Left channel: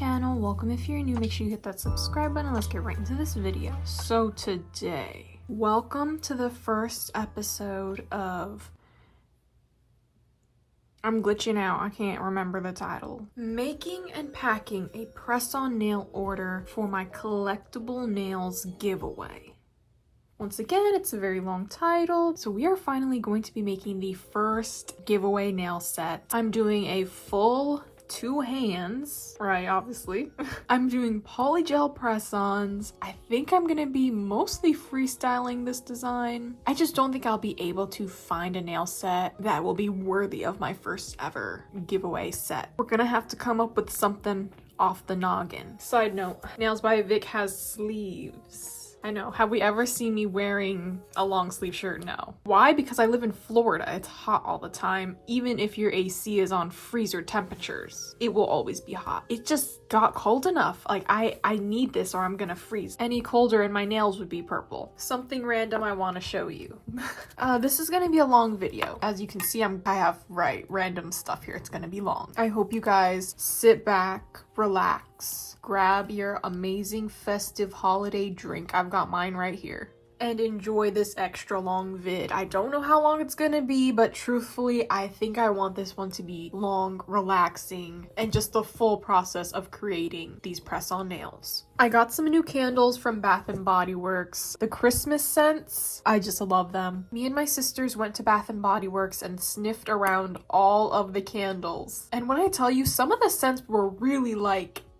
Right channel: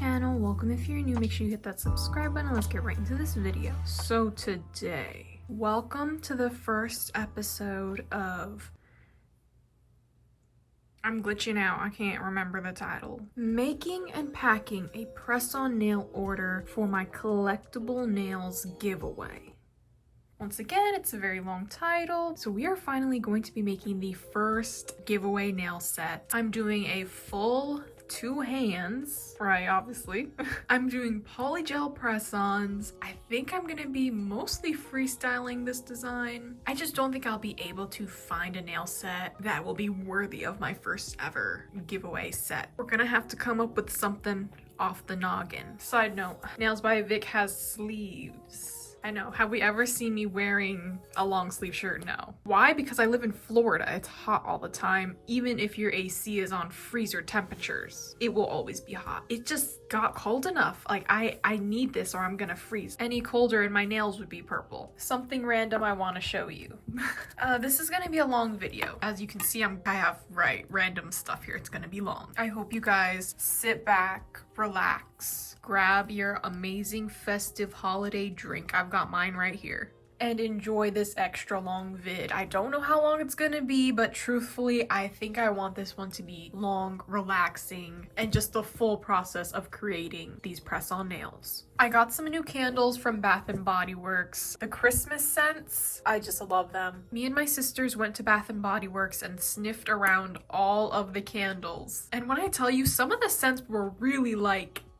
channel. Welcome if you're new. Make sure you hit that subscribe button. Let's get right into this video. So today, welcome to the first episode of... I'm glitching out. I can't remember the title. Making and packing a press-on nail order for my collectible nails giveaway. Once again, it's a very long title. So we are finally going to be making the first giveaway nail set. I'm doing a full 2 hands, right, obviously. I'm doing polygel press-ons. I think I'm gonna be mostly freestyling this design. I just don't think I'll be able to find a nail set that will be worthy of my first ever giveaway set. We're gonna have to come up with something off the noggin. Side note, Nails by Vic has sleeves. I know. Have we ever seen me wearing a long sleeve shirt? No. Why? Because I live in Florida. It's hot all the time. Even if your AC is on freezer temperatures, it will always be hot. It just got cold enough. Like I need this or I'm gonna freeze. Any colder and my nails would be purple. Something random I want to show you. This is gonna be a long video. As you can see, I have random stuff here. It's gonna be long. I hope you guys sit back, relax, grab your amazing festive holiday drink. I've got mine right here. And enjoy this extra long vid. I don't know how long it's gonna be, but truthfully, I think I want this one to be long, relaxing, and just the full process of creating these press-on nails. I got some new candles from Bath & Body Works. The Christmas scents, I just love them. Me and my sisters went to Bath & Body Works and sniffed around all of the candles. And when I tell you, some of the scents were really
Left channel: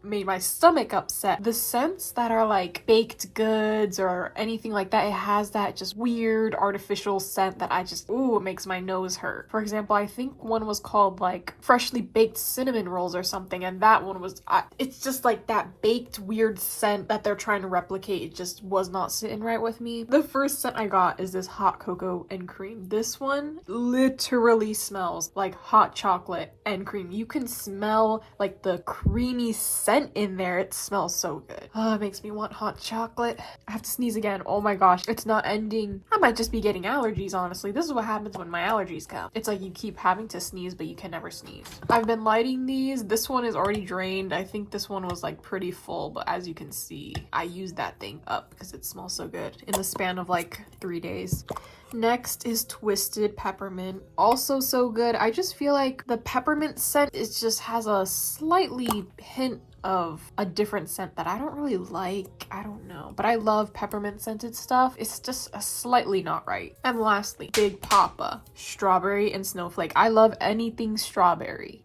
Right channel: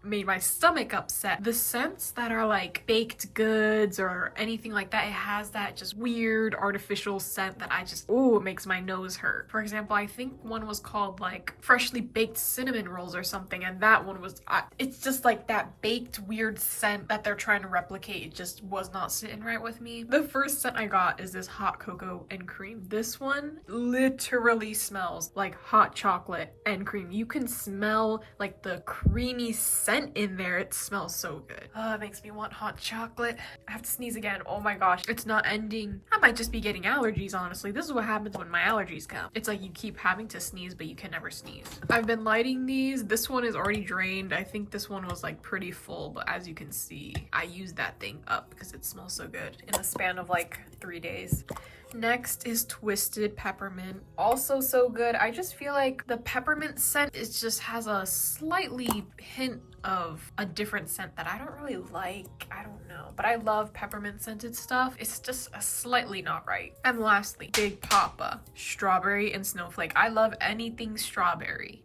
made my stomach upset. The scents that are like baked goods or anything like that, it has that just weird artificial scent that it makes my nose hurt. For example, I think one was called like freshly baked cinnamon rolls or something, and that one was, it's just like that baked weird scent that they're trying to replicate. It just was not sitting right with me. The first scent I got is this hot cocoa and cream. This one literally smells like hot chocolate and cream. You can smell like the creamy scent in there. It smells so good. Oh, it makes me want hot chocolate. I have to sneeze again. Oh my gosh, it's not ending. I might just be getting allergies, honestly. This is what happens when my allergies come. It's like you keep having to sneeze, but you can never sneeze. I've been lighting these. This one is already drained. I think this one was like pretty full, but as you can see, I used that thing up because it smells so good in the span of like 3 days. Next is Twisted Peppermint. Also so good. I just feel like the peppermint scent just has a slightly hint of a different scent that I don't really like. I don't know, but I love peppermint scented stuff. It's just slightly not right. And lastly, Big Papa. Strawberry and Snowflake. I love anything strawberry.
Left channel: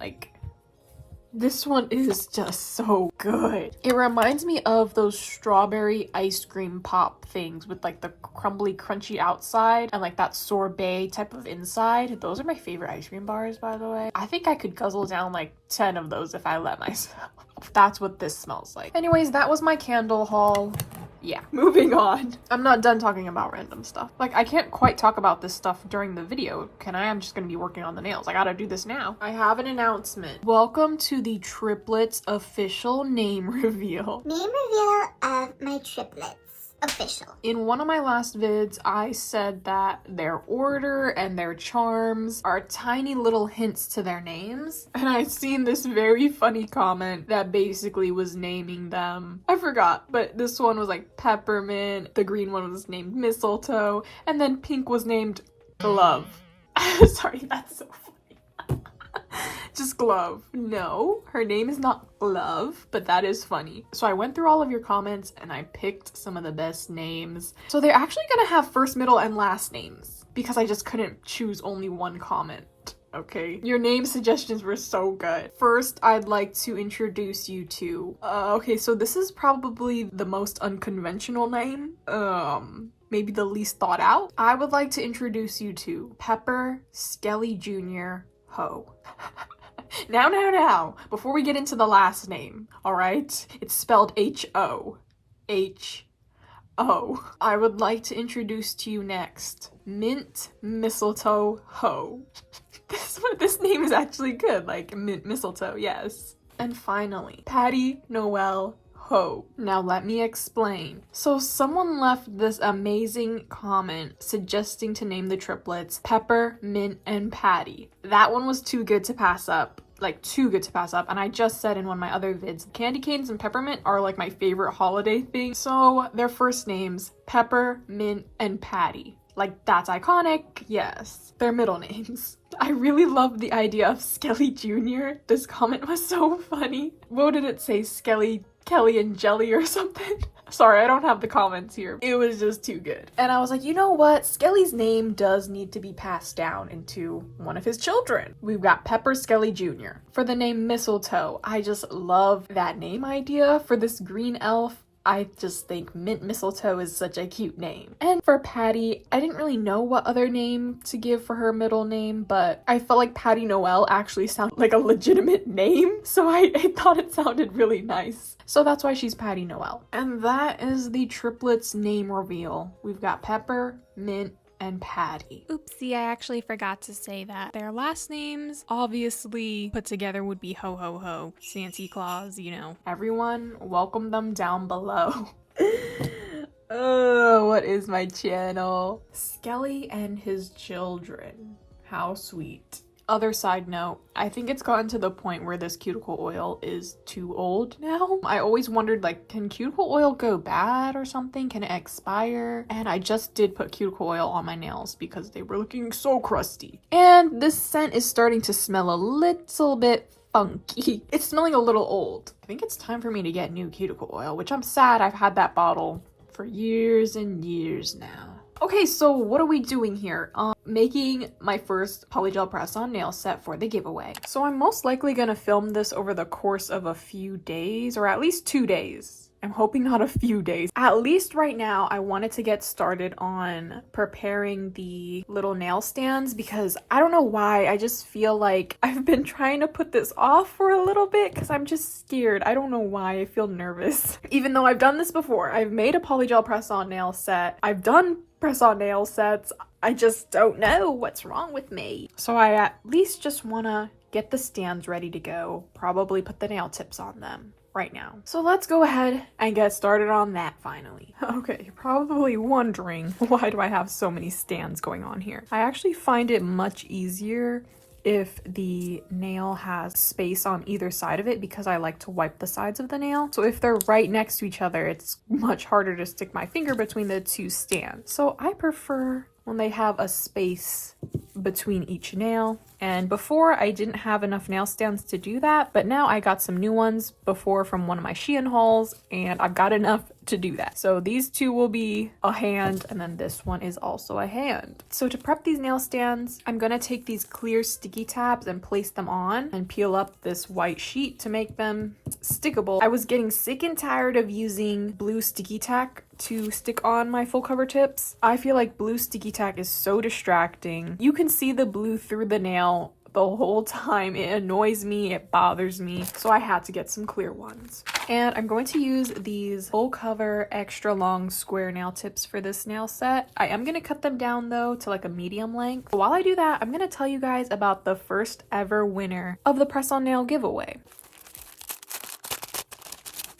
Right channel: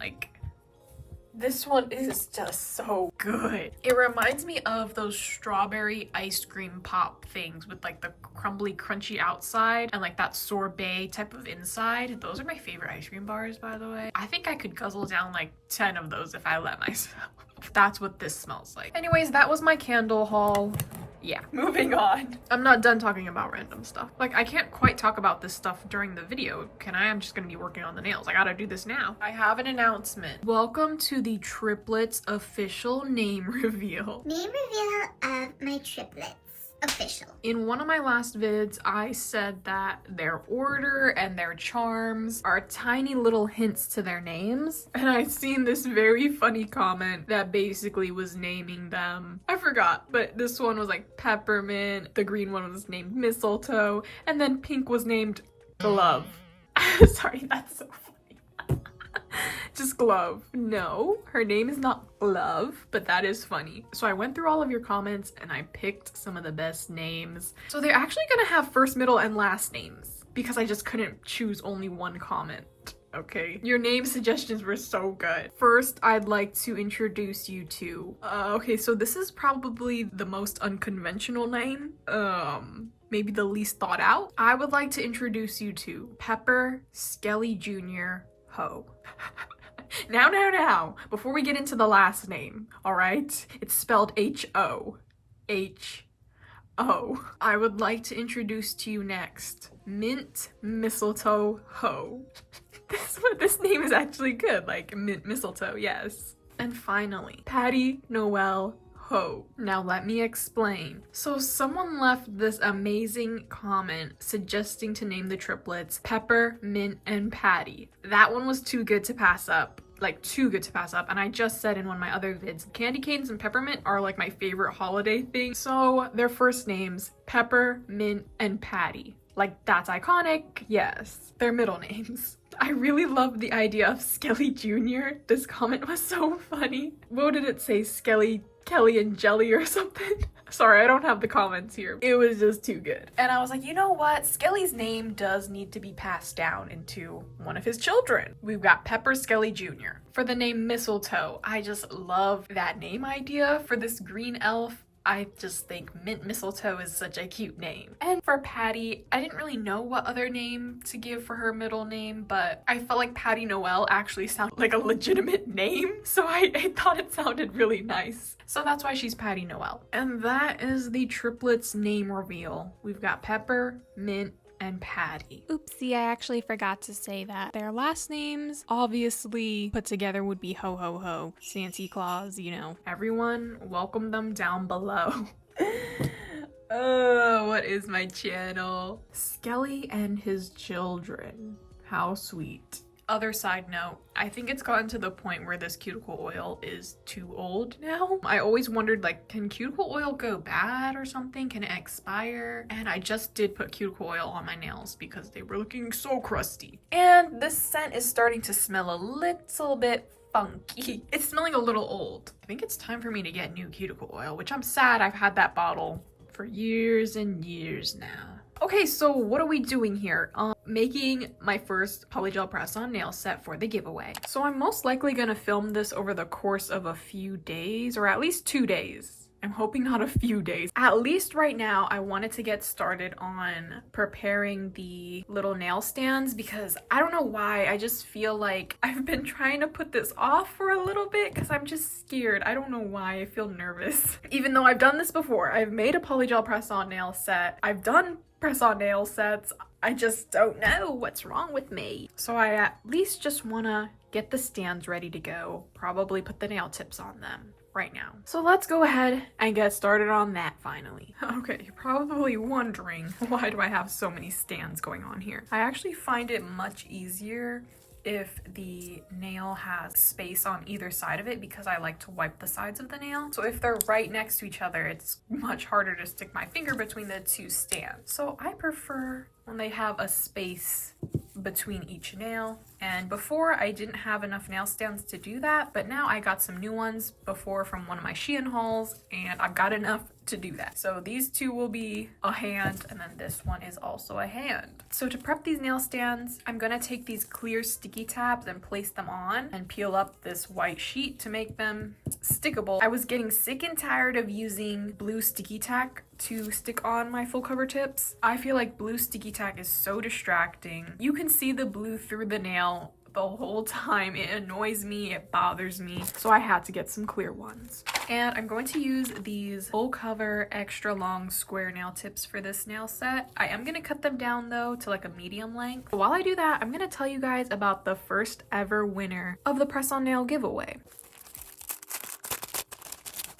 Like, this one is just so good. It reminds me of those strawberry ice cream pop things with like the crumbly crunchy outside and like that sorbet type of inside. Those are my favorite ice cream bars, by the way. I think I could guzzle down like 10 of those if I let myself. That's what this smells like. Anyways, that was my candle haul. Yeah, moving on. I'm not done talking about random stuff. Like, I can't quite talk about this stuff during the video, can I? I'm just gonna be working on the nails. I gotta do this now. I have an announcement. Welcome to the Triplets official name reveal. Name reveal of my triplets. Official. In one of my last vids, I said that their order and their charms are tiny little hints to their names. And I seen this very funny comment that basically was naming them. I forgot, but this one was like peppermint, the green one was named mistletoe, and then pink was named glove. Sorry, that's so funny. Just glove. No, her name is not Glove, but that is funny. So I went through all of your comments and I picked some of the best names. So they're actually gonna have first, middle, and last names because I just couldn't choose only one comment. Okay, your name suggestions were so good. First, I'd like to introduce you to okay, so this is probably the most unconventional name, maybe the least thought out. I would like to introduce you to Pepper Skelly Jr. Ho. Now, before we get into the last name, all right? It's spelled H-O. H-O. I would like to introduce to you next, Mint Mistletoe Ho. This name is actually good, like Mint Mistletoe, yes. And finally, Patty Noel Ho. Now let me explain. So someone left this amazing comment suggesting to name the triplets Pepper, Mint, and Patty. That one was too good to pass up. like too good to pass up. And I just said in one of my other vids, candy canes and peppermint are like my favorite holiday thing. So their first names, Pepper, Mint, and Patty. Like, that's iconic, yes. Their middle names. I really love the idea of Skelly Jr. This comment was so funny. What did it say? Skelly, Kelly, and Jelly or something? Sorry, I don't have the comments here. It was just too good. And I was like, you know what? Skelly's name does need to be passed down into one of his children. We've got Pepper Skelly Jr. For the name Mistletoe, I just love that name idea for this green elf. I just think Mint Mistletoe is such a cute name. And for Patty, I didn't really know what other name to give for her middle name, but I felt like Patty Noel actually sounded like a legitimate name, so I thought it sounded really nice. So that's why she's Patty Noel. And that is the triplets name reveal. We've got Pepper, Mint, and Patty. Oopsie, I actually forgot to say that. Their last names, obviously put together, would be Ho Ho Ho, Santa Claus, you know. Everyone, welcome them down below. Oh, what is my channel? Skelly and his children. How sweet. Other side note, I think it's gotten to the point where this cuticle oil is too old now. I always wondered, like, can cuticle oil go bad or something? Can it expire? And I just did put cuticle oil on my nails because they were looking so crusty. And this scent is starting to smell a little bit funky. It's smelling a little old. I think it's time for me to get new cuticle oil, which I'm sad I've had that bottle for years and years now. Okay, so what are we doing here? Making my first polygel press-on nail set for the giveaway. So I'm most likely gonna film this over the course of a few days, or at least 2 days. I'm hoping not a few days. At least right now, I wanted to get started on preparing the little nail stands because I don't know why, I just feel like I've been trying to put this off for a little bit because I'm just scared. I don't know why, I feel nervous. Even though I've done this before, I've made a polygel press-on nail set. I've done press-on nail sets. I just don't know what's wrong with me. So I at least just wanna get the stands ready to go, probably put the nail tips on them right now. So let's go ahead and get started on that finally. Okay, you're probably wondering, why do I have so many stands going on here? I actually find it much easier if the nail has space on either side of it because I like to wipe the sides of the nail. So if they're right next to each other, it's much harder to stick my finger between the two stands. So I prefer when they have a space between each nail. And before I didn't have enough nail stands to do that, but now I got some new ones before from one of my Shein hauls and I've got enough to do that. So these two will be a hand and then this one is also a hand. So to prep these nail stands, I'm gonna take these clear sticky tabs and place them on and peel up this white sheet to make them stickable. I was getting sick and tired of using blue sticky tack to stick on my full cover tips. I feel like blue sticky tack is so distracting. You can see the blue through the nail the whole time. It annoys me, it bothers me, so I had to get some clear ones. And I'm going to use these full cover extra long square nail tips for this nail set. I am going to cut them down though to like a medium length. While I do that, I'm going to tell you guys about the first ever winner of the press on nail giveaway.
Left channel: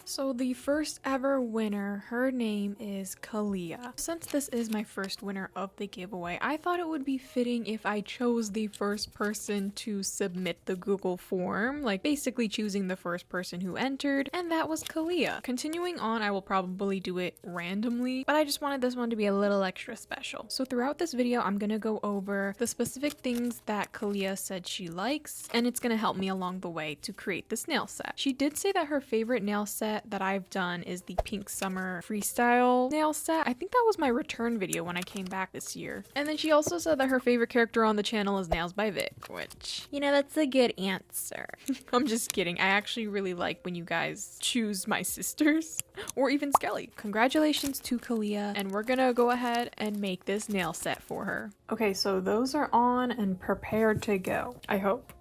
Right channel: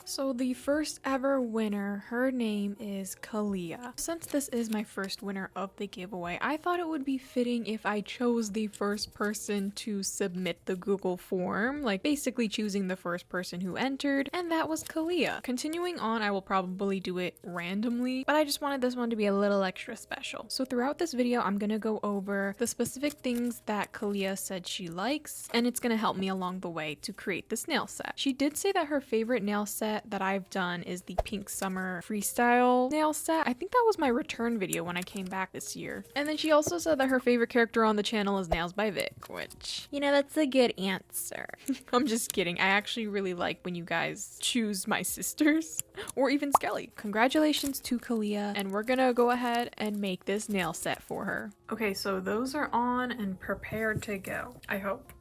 So the first ever winner, her name is Kalia. Since this is my first winner of the giveaway, I thought it would be fitting if I chose the first person to submit the Google form, like basically choosing the first person who entered, and that was Kalia. Continuing on, I will probably do it randomly, but I just wanted this one to be a little extra special. So throughout this video, I'm gonna go over the specific things that Kalia said she likes, and it's gonna help me along the way to create this nail set. She did say that her favorite nail set that I've done is the Pink Summer Freestyle nail set. I think that was my return video when I came back this year. And then she also said that her favorite character on the channel is Nails by Vic, which, you know, that's a good answer. I'm just kidding. I actually really like when you guys choose my sisters or even Skelly. Congratulations to Kalia, and we're gonna go ahead and make this nail set for her. Okay, so those are on and prepared to go, I hope.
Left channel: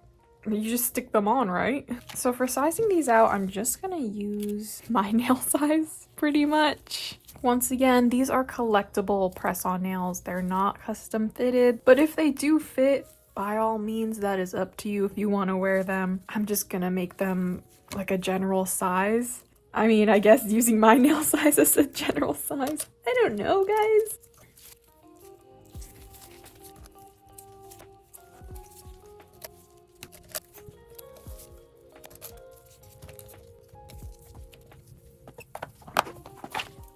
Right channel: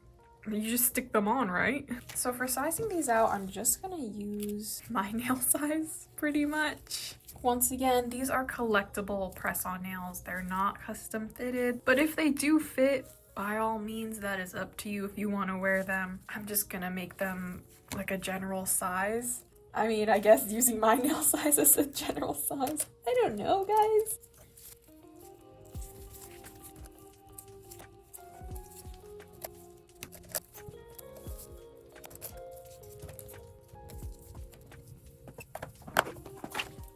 You just stick them on, right? So for sizing these out, I'm just gonna use my nail size pretty much. Once again, these are collectible press-on nails. They're not custom fitted, but if they do fit, by all means, that is up to you if you want to wear them. I'm just gonna make them like a general size. I mean, I guess using my nail size as a general size. I don't know, guys.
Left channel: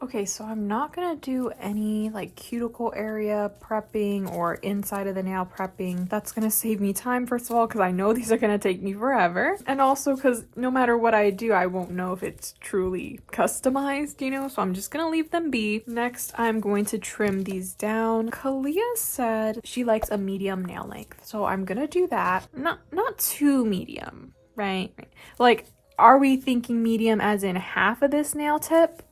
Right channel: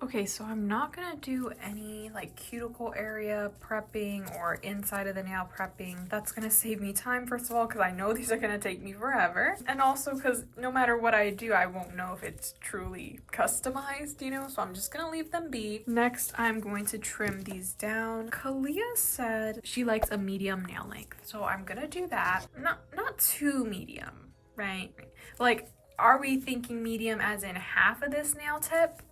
Okay, so I'm not gonna do any like cuticle area prepping or inside of the nail prepping. That's gonna save me time, first of all, because I know these are gonna take me forever. And also because no matter what I do, I won't know if it's truly customized, you know? So I'm just gonna leave them be. Next, I'm going to trim these down. Kalia said she likes a medium nail length, so I'm gonna do that. Not too medium, right? Like, are we thinking medium as in half of this nail tip?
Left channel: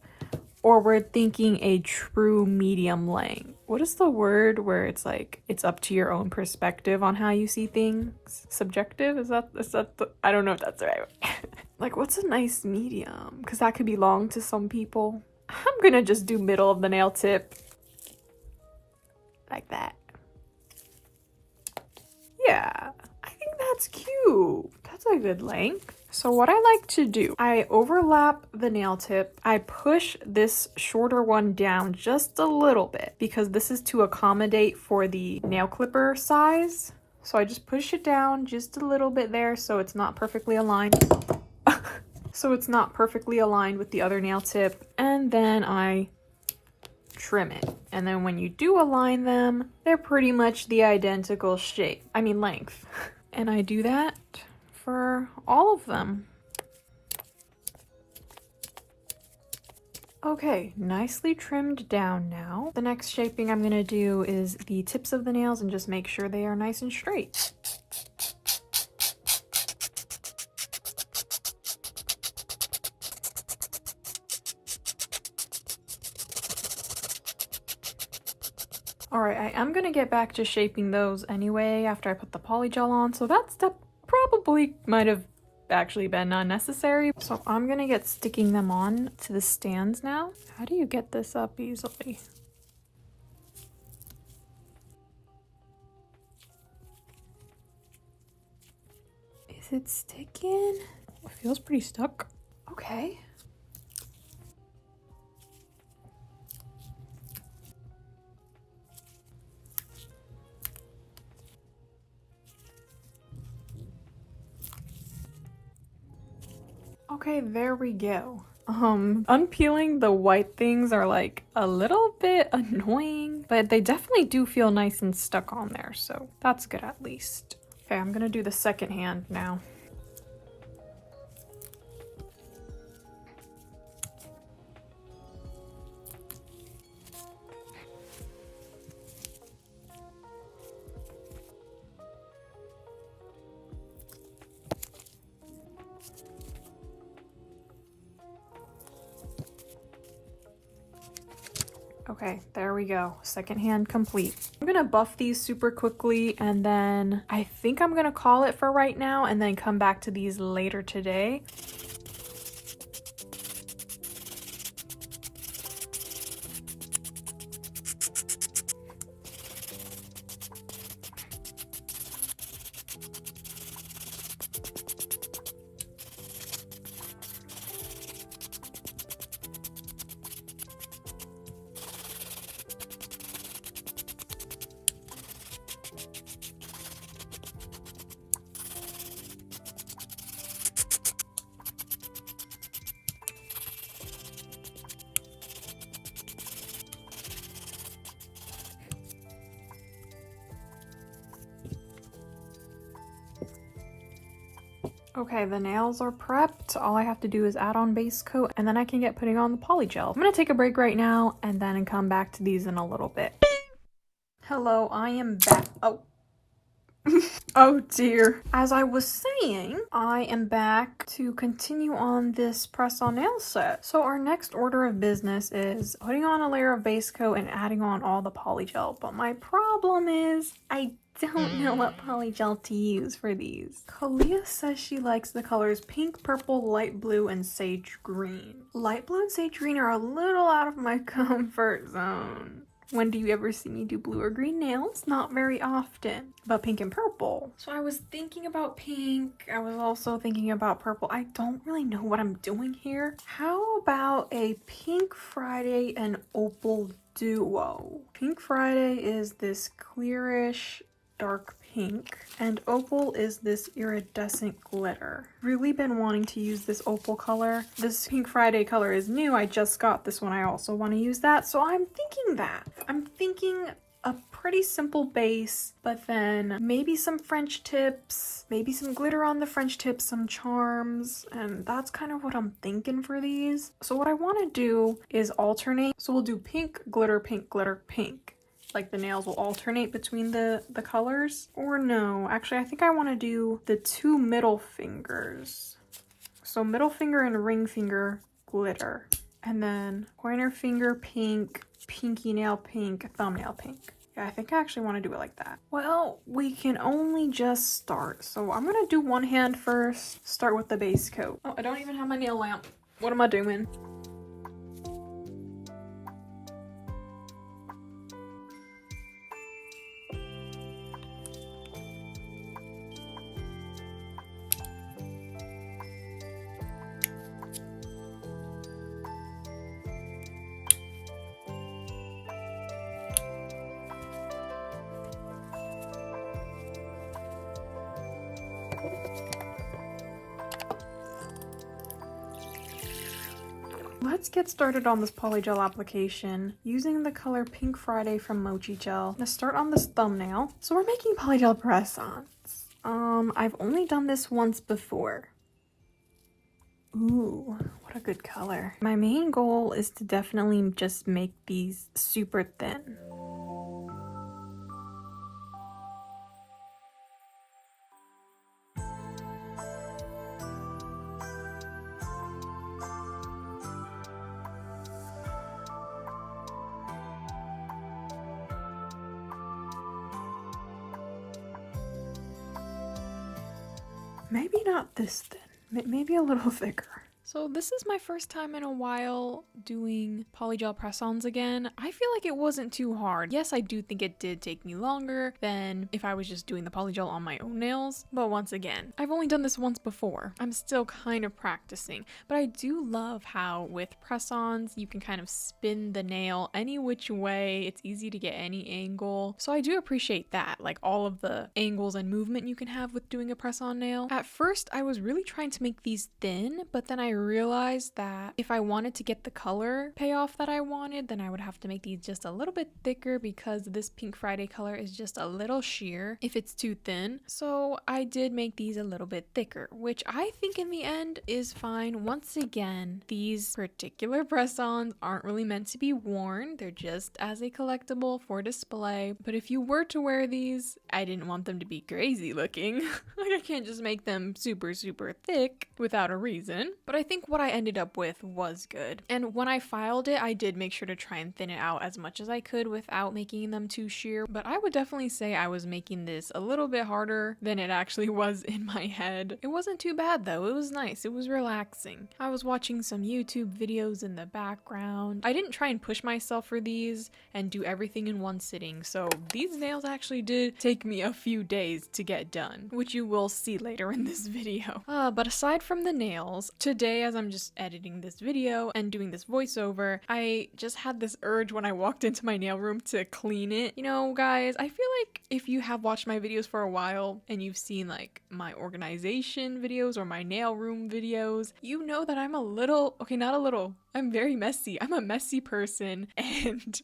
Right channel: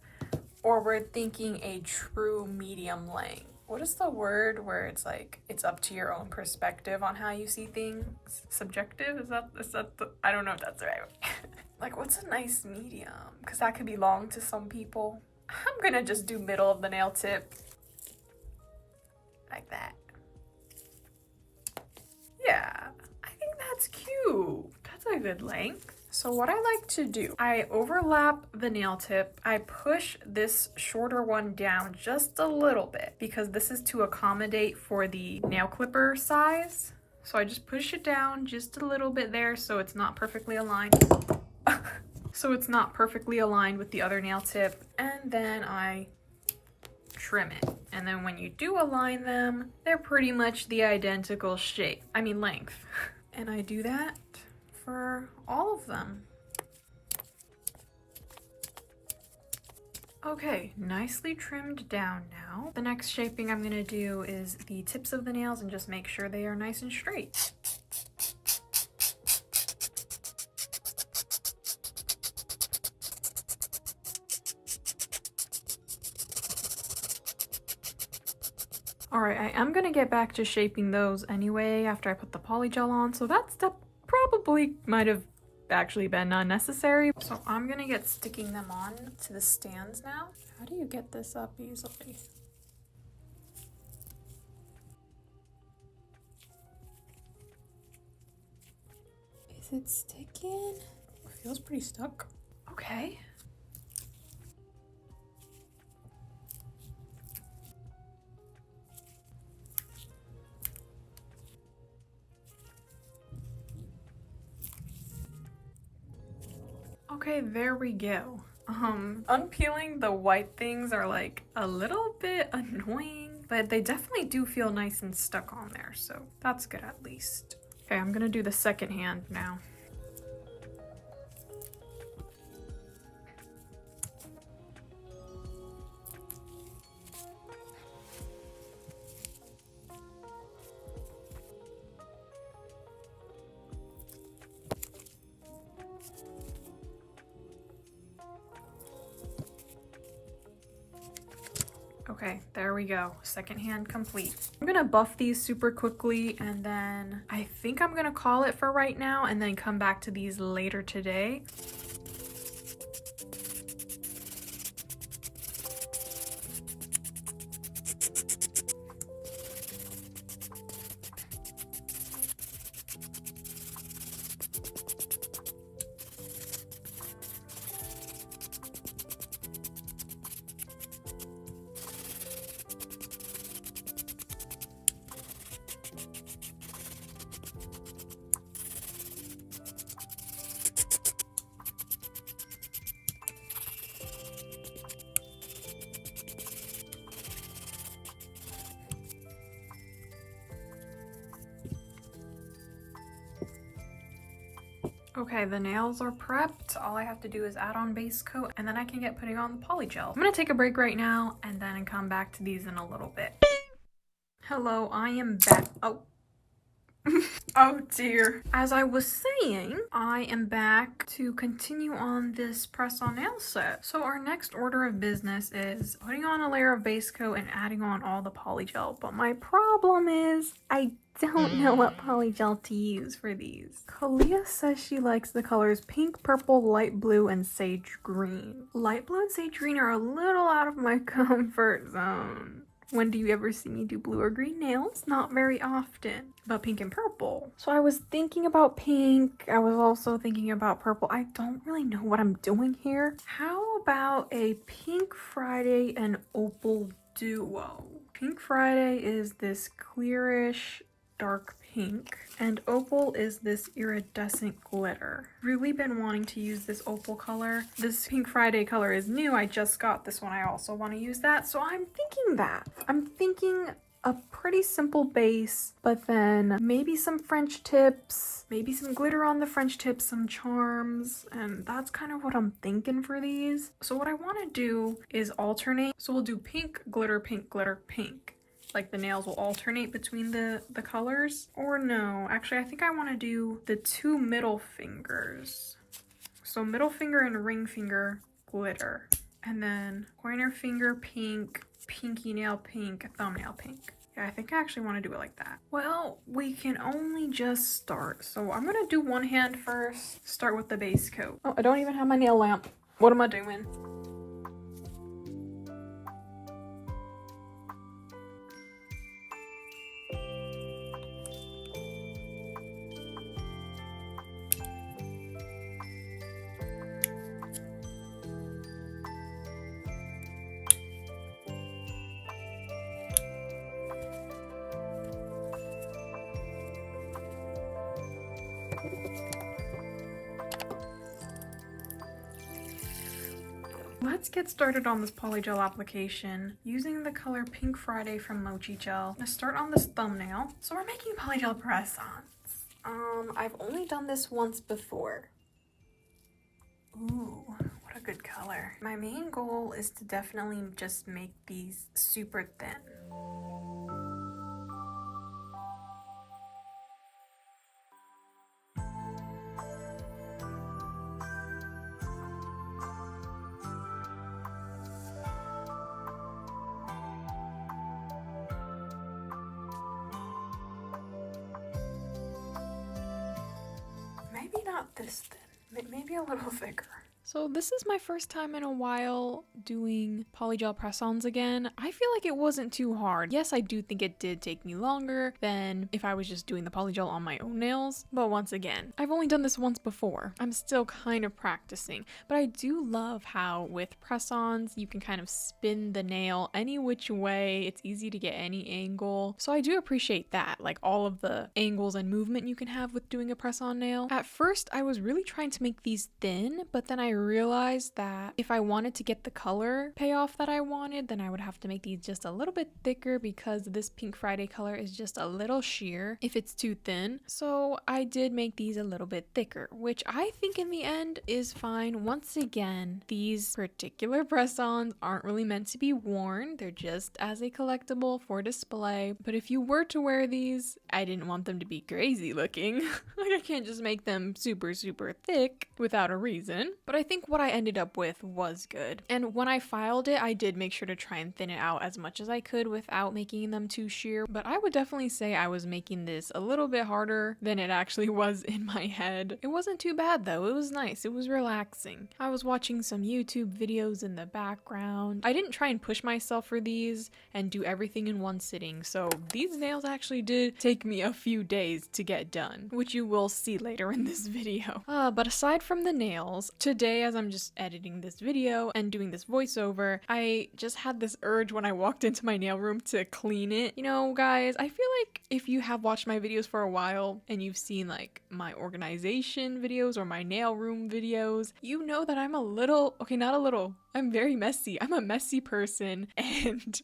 Or we're thinking a true medium length? What is the word where it's like, it's up to your own perspective on how you see things? Subjective? Is that the, I don't know if that's right. Like, what's a nice medium? Because that could be long to some people. I'm gonna just do middle of the nail tip. Like that. Yeah, I think that's cute. That's a good length. So what I like to do, I overlap the nail tip. I push this shorter one down just a little bit because this is to accommodate for the nail clipper size. So I just push it down just a little bit there so it's not perfectly aligned. So it's not perfectly aligned with the other nail tip. And then I trim it. And then when you do align them, they're pretty much the identical shape. I mean length. And I do that for all of them. Okay, nicely trimmed down now. The next shaping I'm gonna do is the tips of the nails and just make sure they are nice and straight. Alright, I am gonna get back to shaping those anyway after I put the polygel on, so that step probably might have actually been unnecessary. So I'm gonna get sticking them on to the stands now. How do you get this up easily? Is it sticking? It feels pretty stuck. Okay. Okay, there we go. Unpeeling the white things are like a little bit annoying, but they definitely do feel nice and stuck on there, so that's good at least. Okay, I'm gonna do the second hand now. Okay, there we go. Second hand complete. I'm gonna buff these super quickly and then I think I'm gonna call it for right now and then come back to these later today. Okay, the nails are prepped. All I have to do is add on base coat and then I can get putting on the polygel. I'm gonna take a break right now and then come back to these in a little bit. Hello, I am back. Oh. Oh dear. As I was saying, I am back to continue on this press-on nail set. So our next order of business is putting on a layer of base coat and adding on all the polygel. But my problem is I don't know what polygel to use for these. Kalia says she likes the colors pink, purple, light blue, and sage green. Light blue and sage green are a little out of my comfort zone. When do you ever see me do blue or green nails? Not very often. But pink and purple. So I was thinking about pink. I was also thinking about purple. I don't really know what I'm doing here. How about a Pink Friday and Opal duo? Pink Friday is this clearish dark pink, and Opal is this iridescent glitter. Really been wanting to use this Opal color. This Pink Friday color is new. I just got this one. I also want to use that. So I'm thinking a pretty simple base, but then maybe some French tips, maybe some glitter on the French tips, some charms, and that's kind of what I'm thinking for these. So what I want to do is alternate. So we'll do pink, glitter, pink, glitter, pink. Like the nails will alternate between the colors. Or no, actually I think I want to do the two middle fingers. So middle finger and ring finger glitter. And then pointer finger pink, pinky nail pink, thumbnail pink. Yeah, I think I actually want to do it like that. Well, we can only just start. So I'm going to do one hand first. Start with the base coat. Oh, I don't even have my nail lamp. What am I doing? Let's get started on this Polygel application using the color Pink Friday from Mochi Gel. I'm gonna start on this thumbnail. So we're making Polygel press-ons. I've only done this once before. Ooh, what a good color. My main goal is to definitely just make these super thin. Maybe not this thin, maybe a little thicker. So this is my first time in a while doing polygel press-ons again. I feel like it wasn't too hard. Yes, I do think it did take me longer than if I was just doing the polygel on my own nails. But once again, I've only done this once before. I'm still kind of practicing. But I do love how with press-ons, you can kind of spin the nail any which way. It's easy to get any angle. So I do appreciate that, like all of the angles and movement you can have with doing a press-on nail. At first, I was really trying to make these thin, but then I realized that if I wanted to get the color payoff that I wanted, then I would have to make these just a little bit thicker because this Pink Friday color is just a little sheer if it's too thin. So I did make these a little bit thicker, which I think in the end is fine. Once again, these particular press-ons aren't really meant to be worn. They're just as a collectible for display. But if you were to wear these, I didn't want them to be crazy looking. Like I can't just make them super, super thick without a reason. But I think what I ended up with was good. And when I filed it, I did make sure to try and thin it out as much as I could without making them too sheer. But I would definitely say I was making this a little bit harder than it actually was in my head. It wasn't too bad though. It was nice. It was relaxing. I was watching some YouTube videos in the background. I didn't try and push myself for these and do everything in one sitting. So these nails actually did take me a few days to get done, which you will see later in this video. But aside from the nails, today as I'm just editing this video and doing this voiceover, I just had this urge when I walked into my nail room to clean it. You know, guys, I feel like if you have watched my videos for a while and you've seen like my organization videos or my nail room videos, you know that I'm a little, okay, not a little, I'm very messy. I'm a messy person and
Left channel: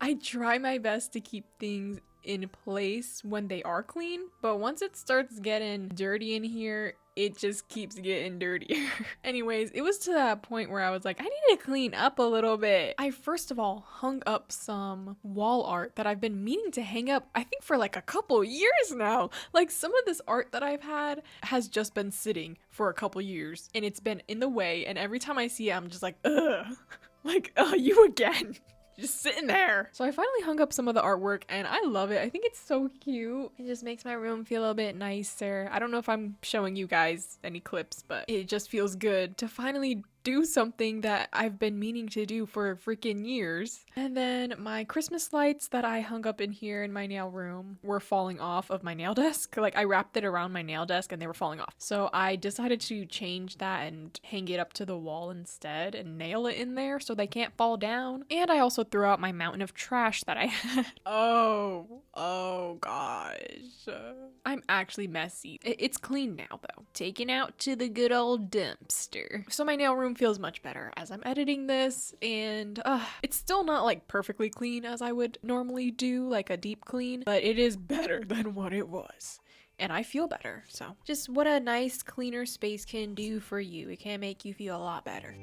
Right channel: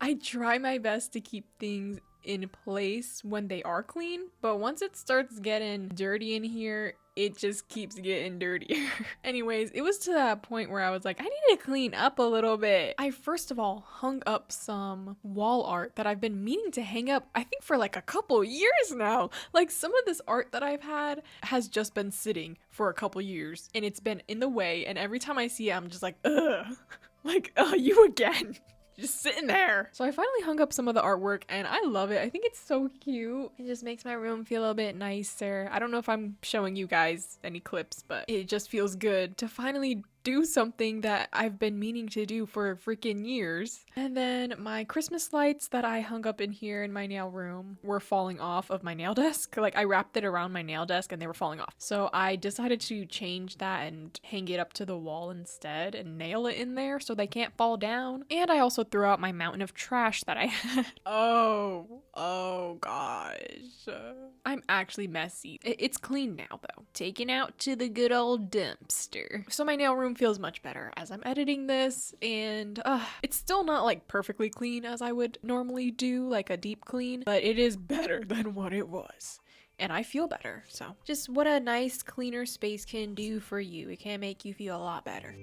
I try my best to keep things in place when they are clean, but once it starts getting dirty in here, it just keeps getting dirtier. Anyways, it was to that point where I was like, I need to clean up a little bit. I first of all hung up some wall art that I've been meaning to hang up, I think for like a couple years now. Like some of this art that I've had has just been sitting for a couple years and it's been in the way, and every time I see it, I'm just like, ugh, like, you again. Just sitting there. So I finally hung up some of the artwork and I love it. I think it's so cute. It just makes my room feel a bit nicer. I don't know if I'm showing you guys any clips, but it just feels good to finally do something that I've been meaning to do for freaking years. And then my Christmas lights that I hung up in here in my nail room were falling off of my nail desk. Like I wrapped it around my nail desk and they were falling off. So I decided to change that and hang it up to the wall instead and nail it in there so they can't fall down. And I also threw out my mountain of trash that I had. Oh gosh. I'm actually messy. It's clean now though. Taken out to the good old dumpster. So my nail room feels much better as I'm editing this, and it's still not like perfectly clean as I would normally do, like a deep clean, but it is better than what it was. And I feel better, so just what a nice cleaner space can do for you. It can make you feel a lot better.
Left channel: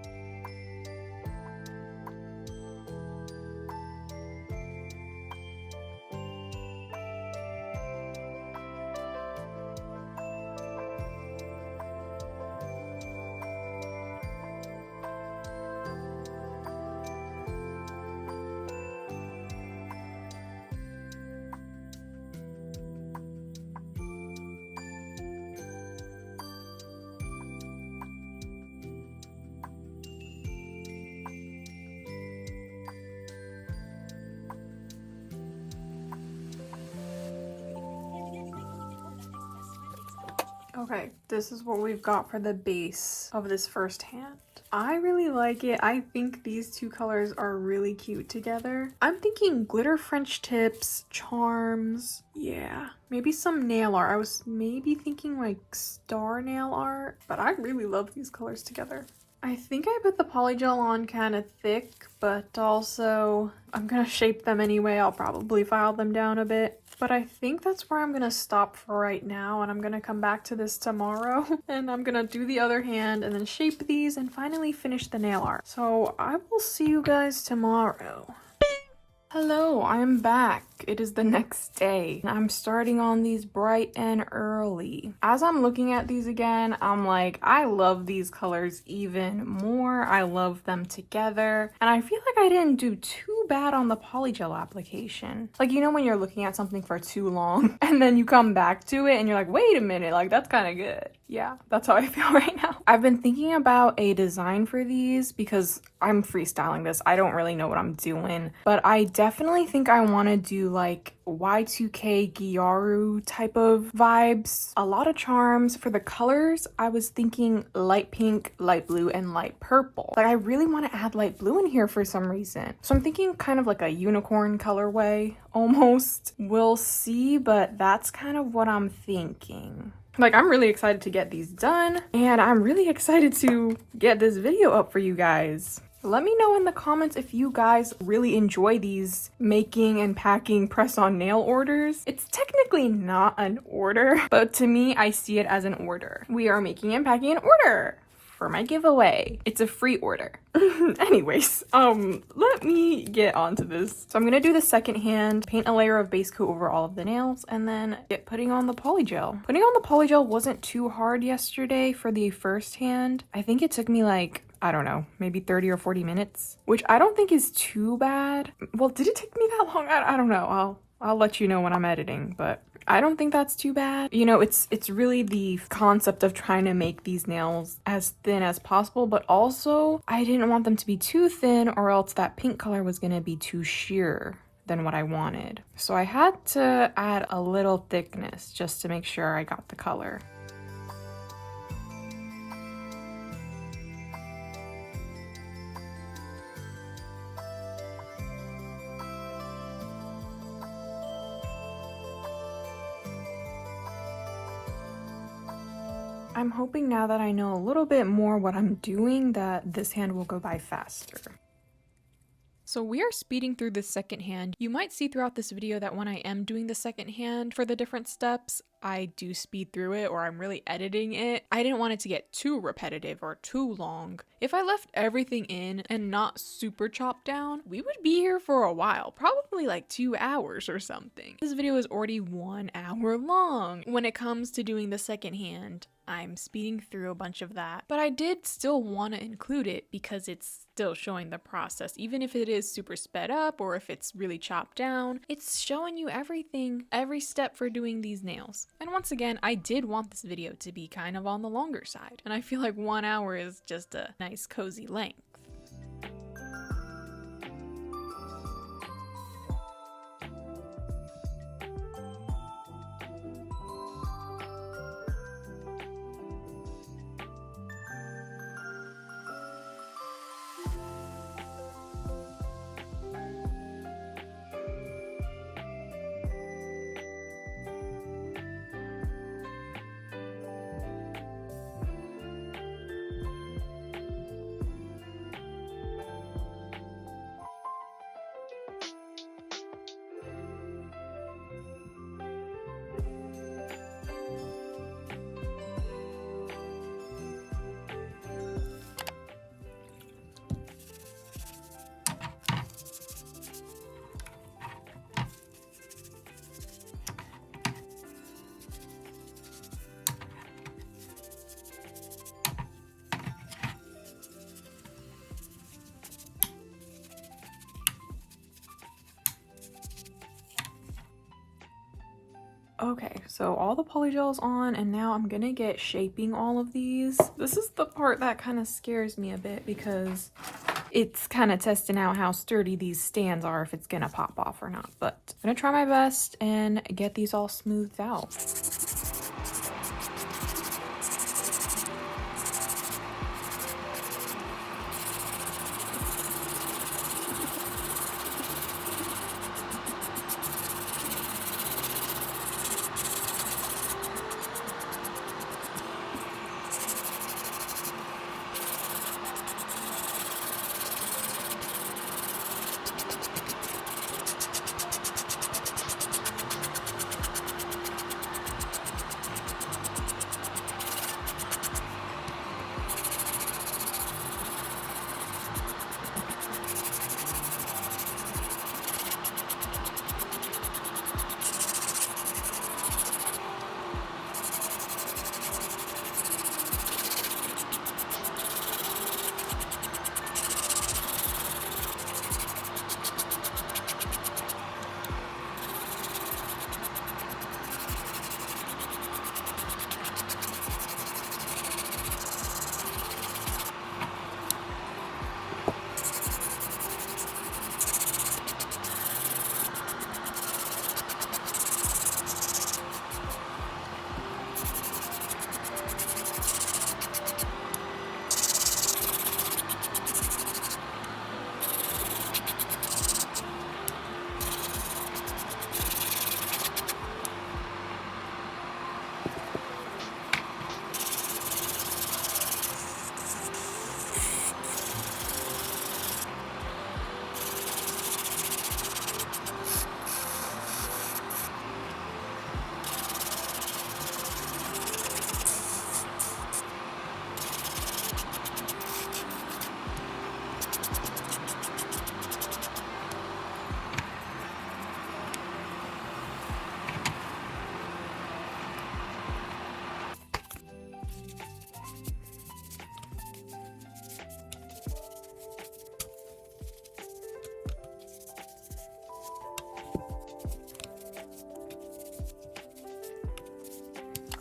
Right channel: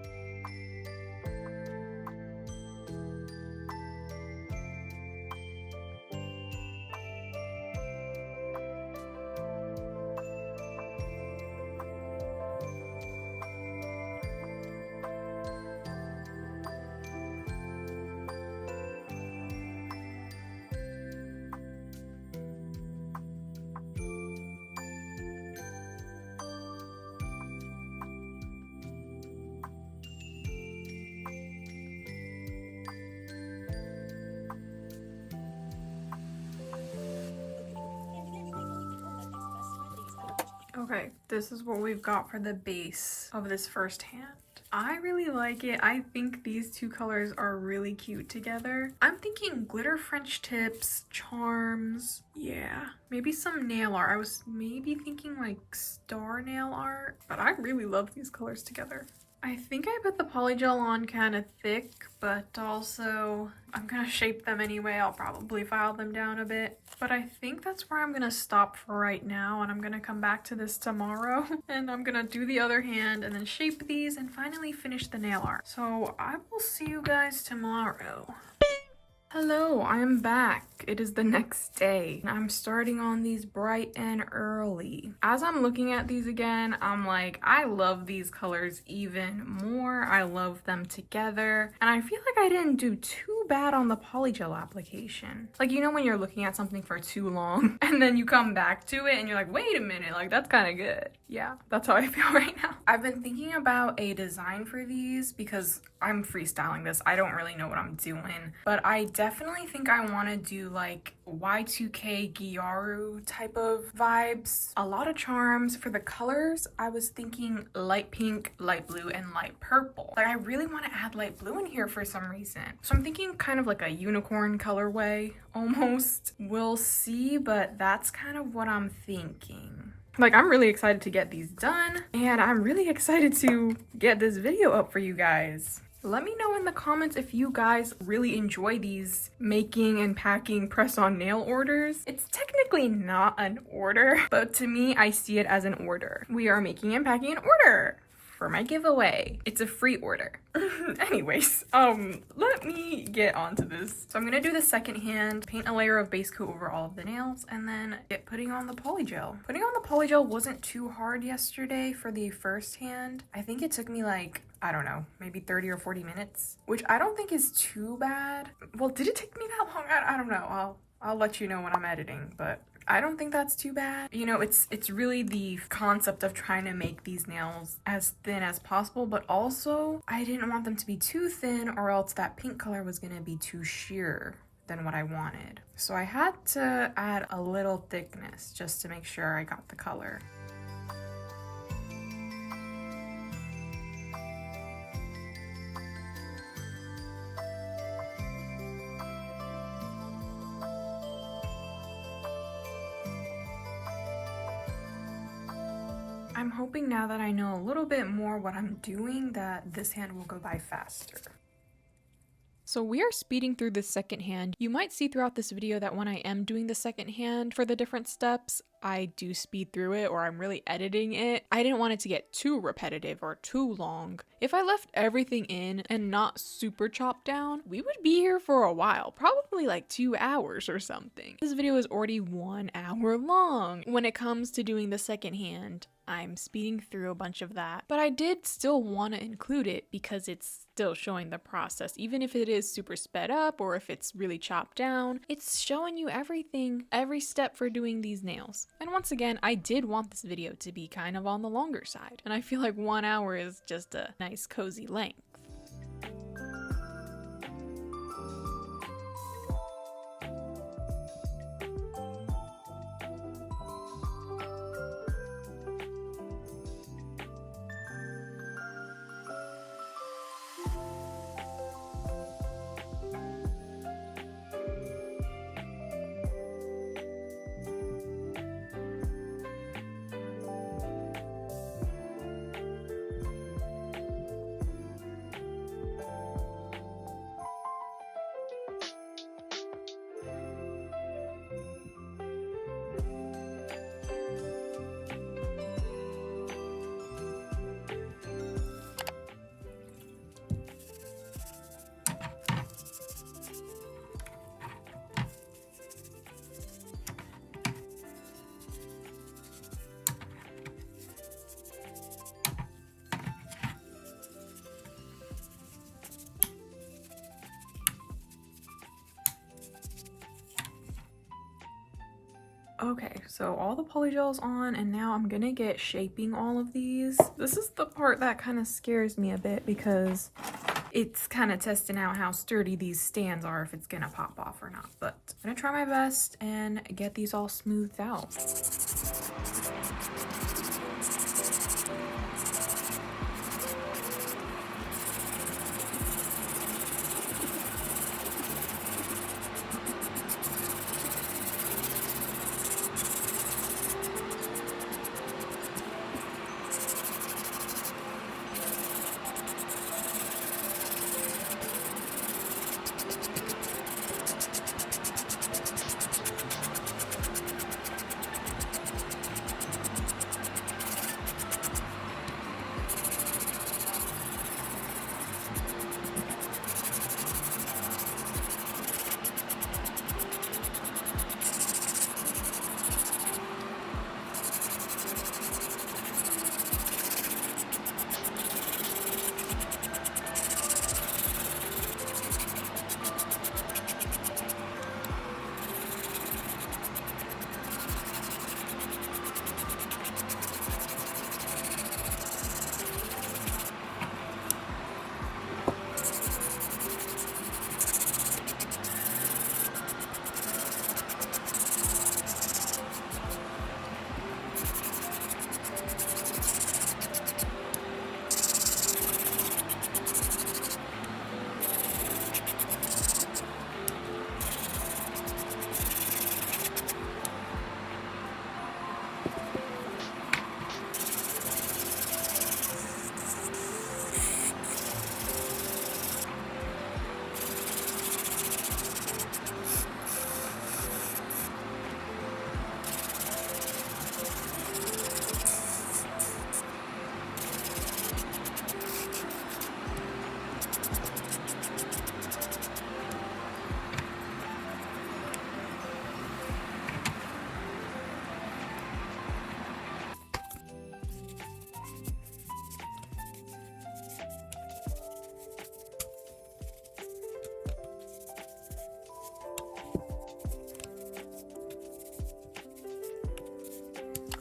Okay, this is what we've got for the base of this first hand. I really like it. I think these two colors are really cute together. I'm thinking glitter French tips, charms, yeah, maybe some nail art. I was maybe thinking like star nail art, but I really love these colors together. I think I put the polygel on kind of thick, but also I'm gonna shape them anyway. I'll probably file them down a bit. But I think that's where I'm gonna stop for right now, and I'm gonna come back to this tomorrow and I'm gonna do the other hand and then shape these and finally finish the nail art. So I will see you guys tomorrow. Hello, I'm back. It is the next day. I'm starting on these bright and early. As I'm looking at these again, I'm like, I love these colors even more. I love them together. And I feel like I didn't do too bad on the Polygel application. Like, you know when you're looking at something for too long and then you come back to it and you're like, wait a minute, like that's kind of good. Yeah, that's how I feel right now. I've been thinking about a design for these because I'm freestyling this. I don't really know what I'm doing, but I definitely think I want to do like Y2K Gyaru type of vibes. A lot of charms. For the colors, I was thinking light pink, light blue, and light purple. Like I really want to add light blue in here for some reason. So I'm thinking kind of like a unicorn colorway almost. We'll see, but that's kind of what I'm thinking. Like, I'm really excited to get these done, and I'm really excited to get this video up for you guys. Let me know in the comments if you guys really enjoy these making and packing press-on nail orders. It's technically not an order, but to me, I see it as an order. We are making and packing an order for my giveaway. It's a free order. Anyways, let me get onto this. So I'm gonna do the second hand, paint a layer of base coat over all of the nails, and then get putting on the polygel. Putting on the polygel wasn't too hard yesterday for the first hand. I think it took me like, I don't know, maybe 30 or 40 minutes, which I don't think is too bad. Well, did it take me that long? I don't know. I'll let you know when I'm editing, but I don't think that's too bad. You know, it's really the concept of trying to make these nails as thin as possible, but also I didn't want them to be too thin or else that pink color was gonna be too sheer than what I wanted. So I had to add a little thickness just to make sure I got the color. I'm hoping now that I know a little bit more what I'm doing that this hand will go by faster. So we are speeding through the second hand. You might see throughout this video that when I am doing the second hand for the different steps, I do speed through it or I'm really editing it. I didn't want it to get too repetitive or too long. If I left everything in and not super chopped down, we would be here for a while, probably like 2 hours or something. This video is already 1 hour long. When it comes to doing the second hand, I'm speeding through a bunch of that. But I did still want to include it because it's still showing the process. Even if it is super sped up or if it's really chopped down, it's showing you everything, every step for doing these nails. And once again, I did want this video to be kind of on the longer side. And I feel like 1 hour is just a nice cozy length. Okay, so all the polygel's on, and now I'm gonna get shaping all of these. This is the part that kind of scares me a bit because it's kind of testing out how sturdy these stands are, if it's gonna pop off or not. But I'm gonna try my best and get these all smoothed out.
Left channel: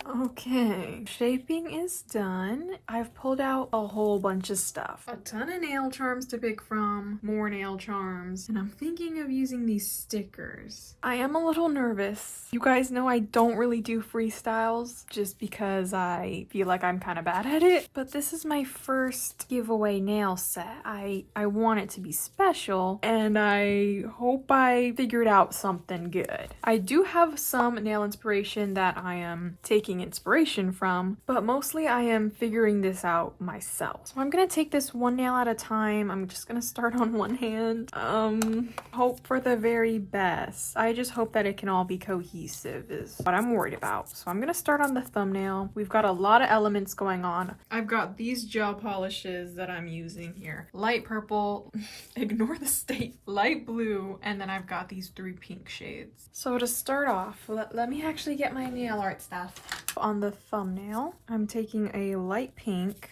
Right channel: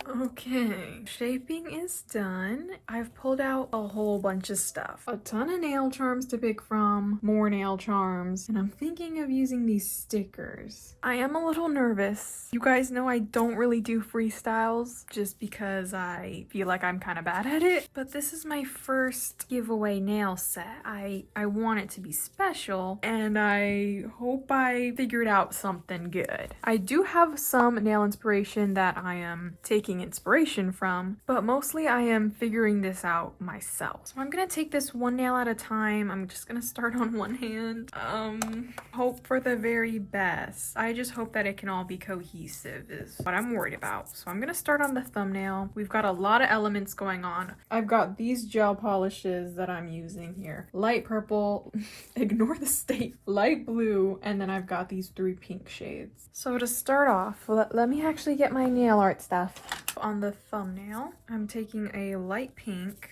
Okay, shaping is done. I've pulled out a whole bunch of stuff. A ton of nail charms to pick from, more nail charms, and I'm thinking of using these stickers. I am a little nervous. You guys know I don't really do freestyles just because I feel like I'm kind of bad at it, but this is my first giveaway nail set. I want it to be special, and I hope I figured out something good. I do have some nail inspiration that I am taking inspiration from, but mostly I am figuring this out myself. So I'm gonna take this one nail at a time. I'm just gonna start on one hand. Hope for the very best. I just hope that it can all be cohesive is what I'm worried about. So I'm gonna start on the thumbnail. We've got a lot of elements going on. I've got these gel polishes that I'm using here. Light purple, ignore the state, light blue, and then I've got these 3 pink shades. So to start off, let me actually get my nail art stuff. On the thumbnail, I'm taking a light pink.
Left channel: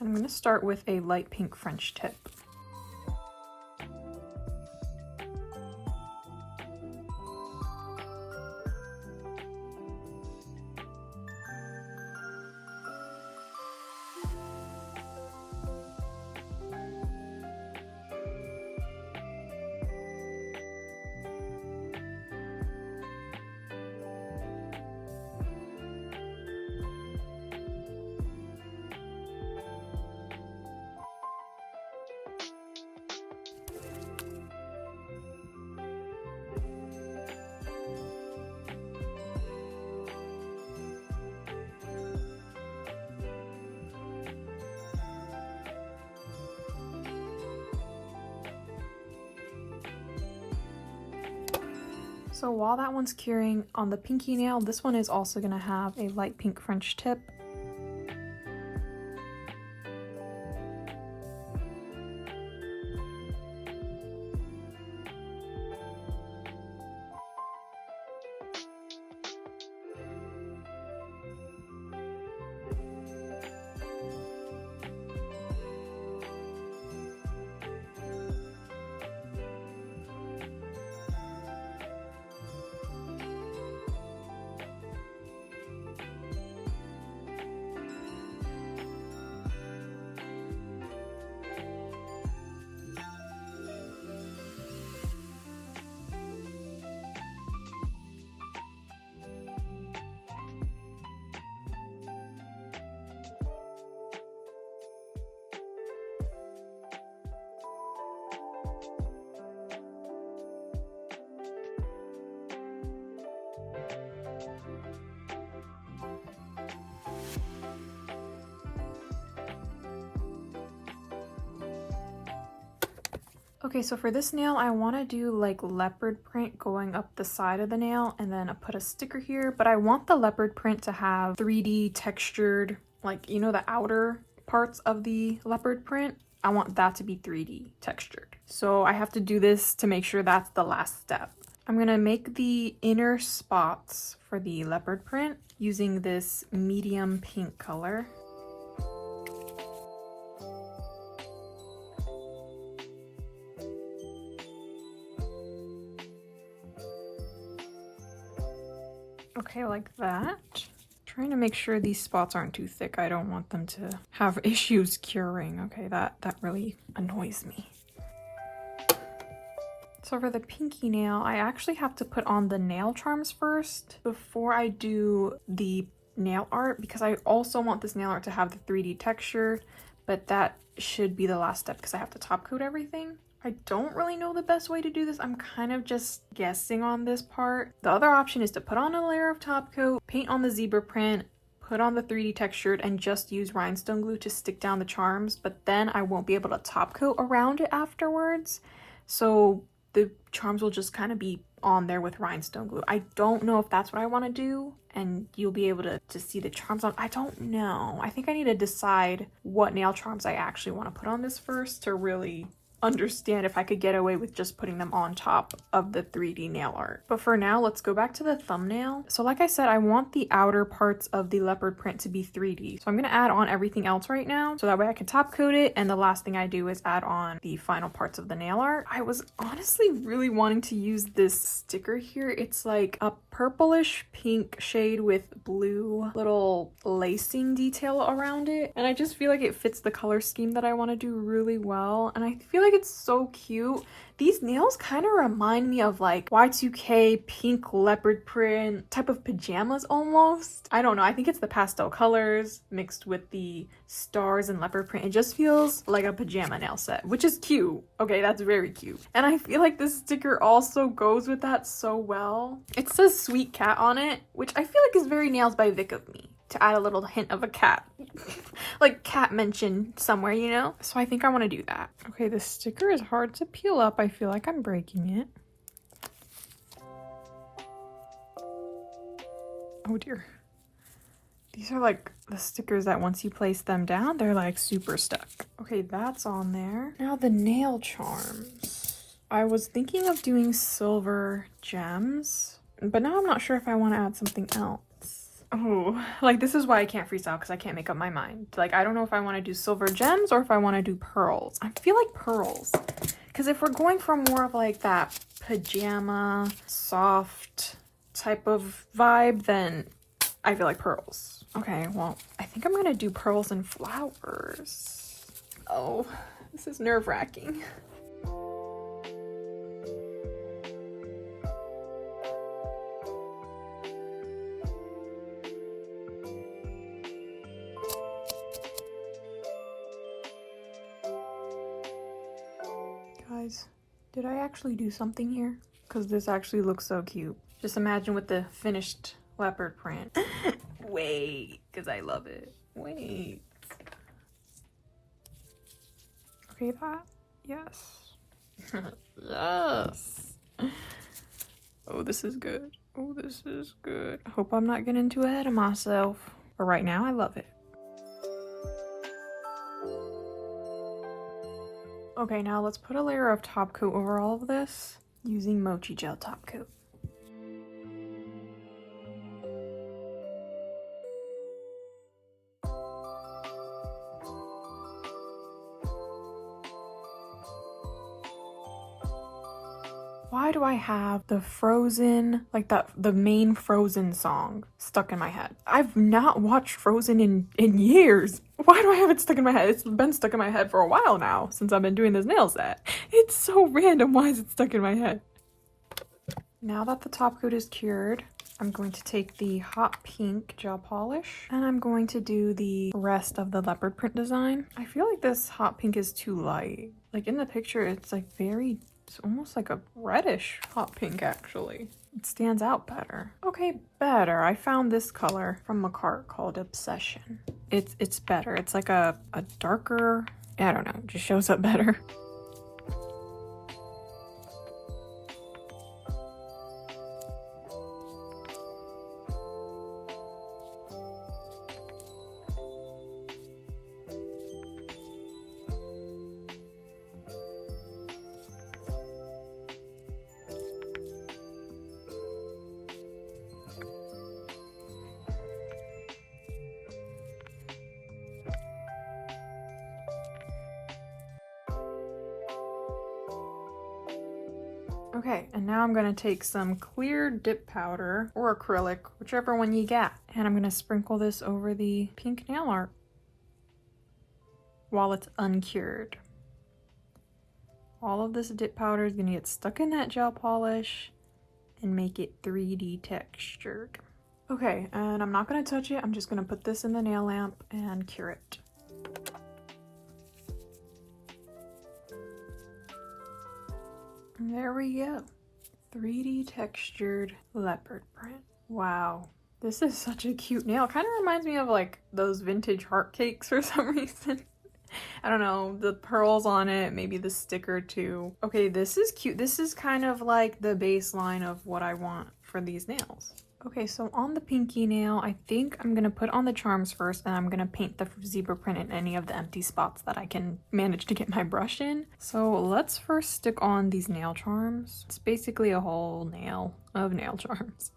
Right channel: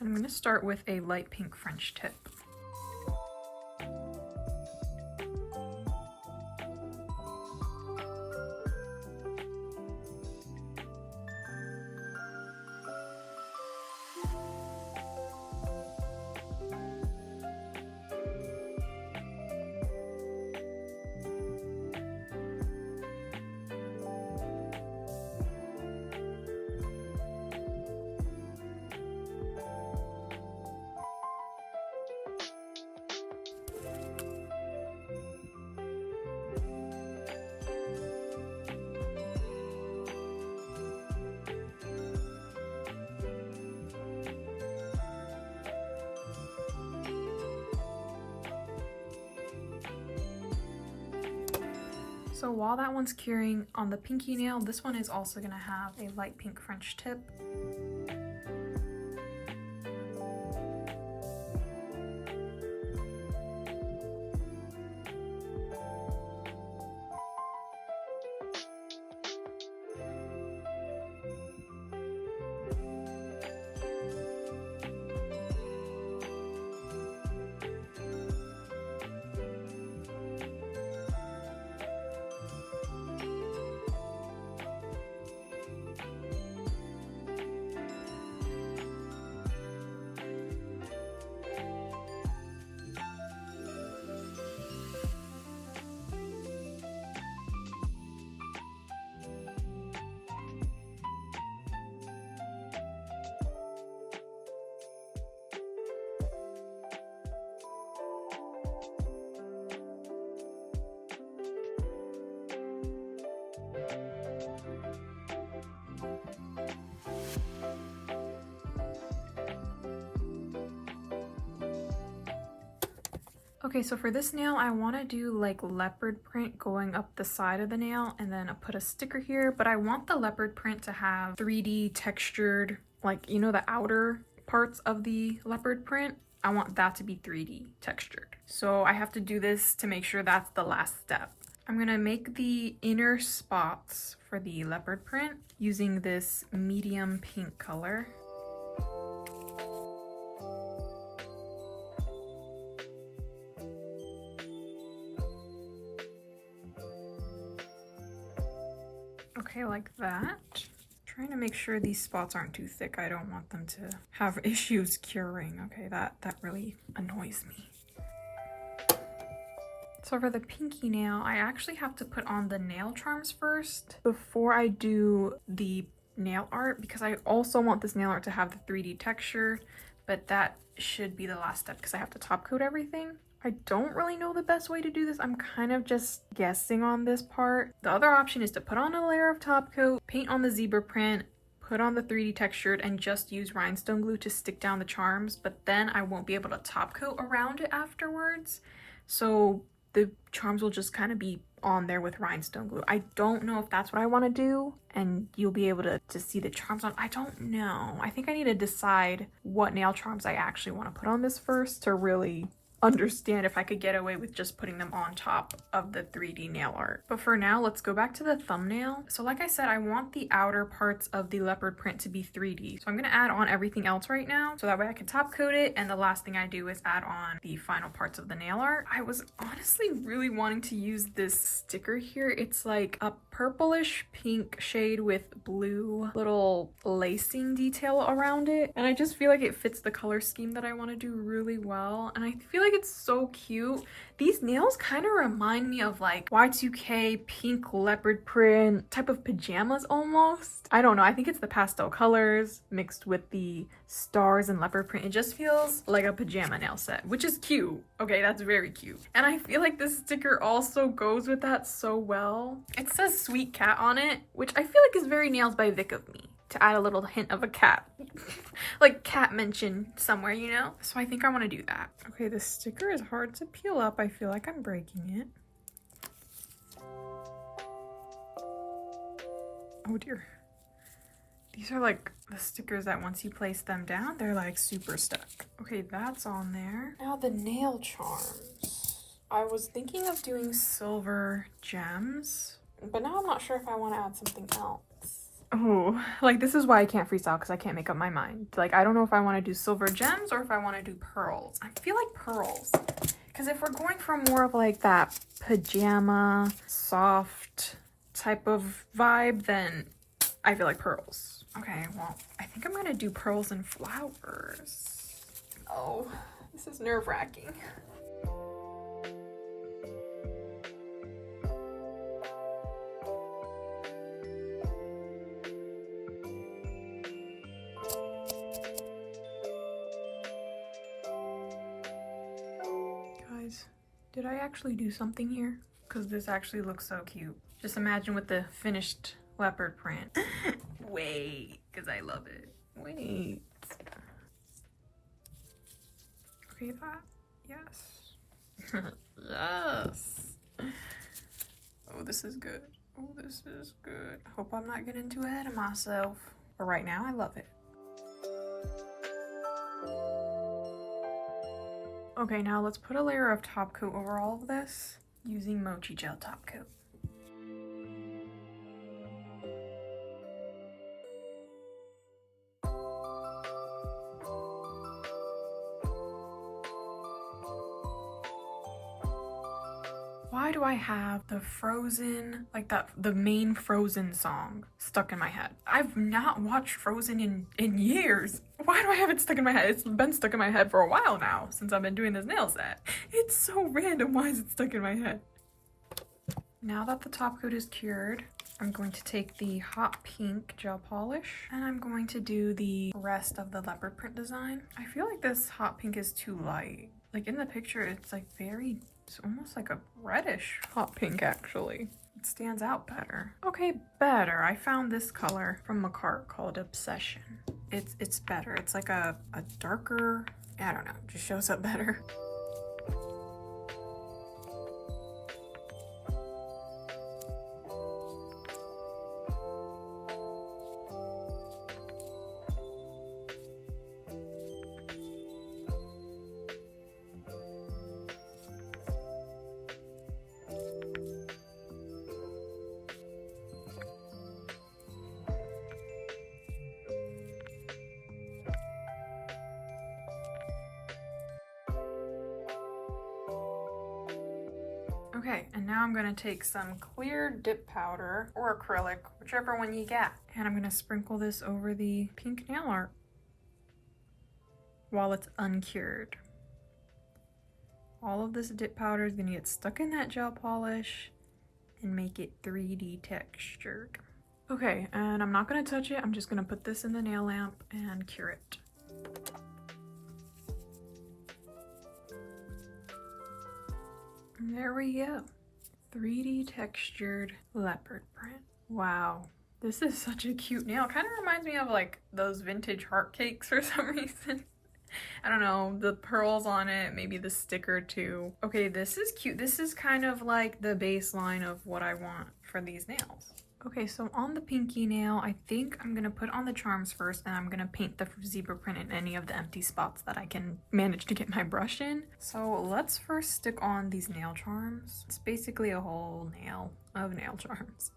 I'm going to start with a light pink French tip. So while that one's curing on the pinky nail, this one is also going to have a light pink French tip. Okay, so for this nail, I want to do like leopard print going up the side of the nail and then I put a sticker here, but I want the leopard print to have 3D textured, like, you know, the outer parts of the leopard print. I want that to be 3D textured. So I have to do this to make sure that's the last step. I'm going to make the inner spots for the leopard print using this medium pink color. Okay, like that. Trying to make sure these spots aren't too thick. I don't want them to have issues curing. Okay, that really annoys me. So for the pinky nail, I actually have to put on the nail charms first before I do the nail art, because I also want this nail art to have the 3D texture, but that should be the last step because I have to top coat everything. I don't really know the best way to do this. I'm kind of just guessing on this part. The other option is to put on a layer of top coat, paint on the zebra print, put on the 3D textured, and just use rhinestone glue to stick down the charms, but then I won't be able to top coat around it afterwards. So the charms will just kind of be on there with rhinestone glue. I don't know if that's what I want to do, and you'll be able to see the charms on. I don't know. I think I need to decide what nail charms I actually want to put on this first to really understand if I could get away with just putting them on top of the 3D nail art. But for now, let's go back to the thumbnail. So like I said, I want the outer parts of the leopard print to be 3D. So I'm going to add on everything else right now so that way I can top coat it, and the last thing I do is add on the final parts of the nail art. I was honestly really wanting to use this sticker here. It's like a purplish pink shade with blue little lacing detail around it, and I just feel like it fits the color scheme that I want to do really well, and I feel like it's so cute. These nails kind of remind me of like Y2K pink leopard print type of pajamas almost. I don't know, I think it's the pastel colors mixed with the stars and leopard print. It just feels like a pajama nail set, which is cute. Okay, that's very cute. And I feel like this sticker also goes with that so well. It says sweet cat on it, which I feel like is very Nails by Vic of me, to add a little hint of a cat. Like cat mention somewhere, you know? So I think I want to do that. Okay, this sticker is hard to peel up. I feel like I'm breaking it. Oh dear. These are like the stickers that once you place them down, they're like super stuck. Okay, that's on there. Now the nail charms. I was thinking of doing silver gems, But now I'm not sure if I want to add something else. Oh, like this is why I can't freestyle, because I can't make up my mind. Like, I don't know if I want to do silver gems or if I want to do pearls. I feel like pearls. Because if we're going for more of like that pajama, soft type of vibe, then I feel like pearls. Okay, well, I think I'm going to do pearls and flowers. Oh, this is nerve-wracking. Guys, did I actually do something here? Because this actually looks so cute. Just imagine with the finished leopard print. Wait, because I love it. Wait. Okay, that. Yes. Yes. Oh, this is good. Oh, this is good. I hope I'm not getting too ahead of myself. But right now, I love it. Okay, now let's put a layer of top coat over all of this using Mochi gel top coat. Why do I have the Frozen, like the main Frozen song stuck in my head? I've not watched Frozen in years. Why do I have it stuck in my head? It's been stuck in my head for a while now, since I've been doing this nail set. It's so random. Why is it stuck in my head? Now that the top coat is cured, I'm going to take the hot pink gel polish and I'm going to do the rest of the leopard print design. I feel like this hot pink is too light. Like in the picture, it's like it's almost like a reddish hot pink actually. It stands out better. Okay, better. I found this color from a cart called Obsession. It's better. It's like a darker, I don't know, it just shows up better. Okay, and now I'm gonna take some clear dip powder or acrylic, whichever one you get, and I'm gonna sprinkle this over the pink nail art while it's uncured. All of this dip powder is gonna get stuck in that gel polish and make it 3D textured. Okay, and I'm not gonna touch it. I'm just gonna put this in the nail lamp and cure it. And there we go. 3D textured leopard print. Wow. This is such a cute nail. Kind of reminds me of like those vintage heart cakes for some reason. I don't know, the pearls on it, maybe the sticker too. Okay, this is cute. This is kind of like the baseline of what I want for these nails. Okay, so on the pinky nail, I think I'm gonna put on the charms first, and I'm gonna paint the zebra print in any of the empty spots that I can manage to get my brush in. So let's first stick on these nail charms. It's basically a whole nail of nail charms.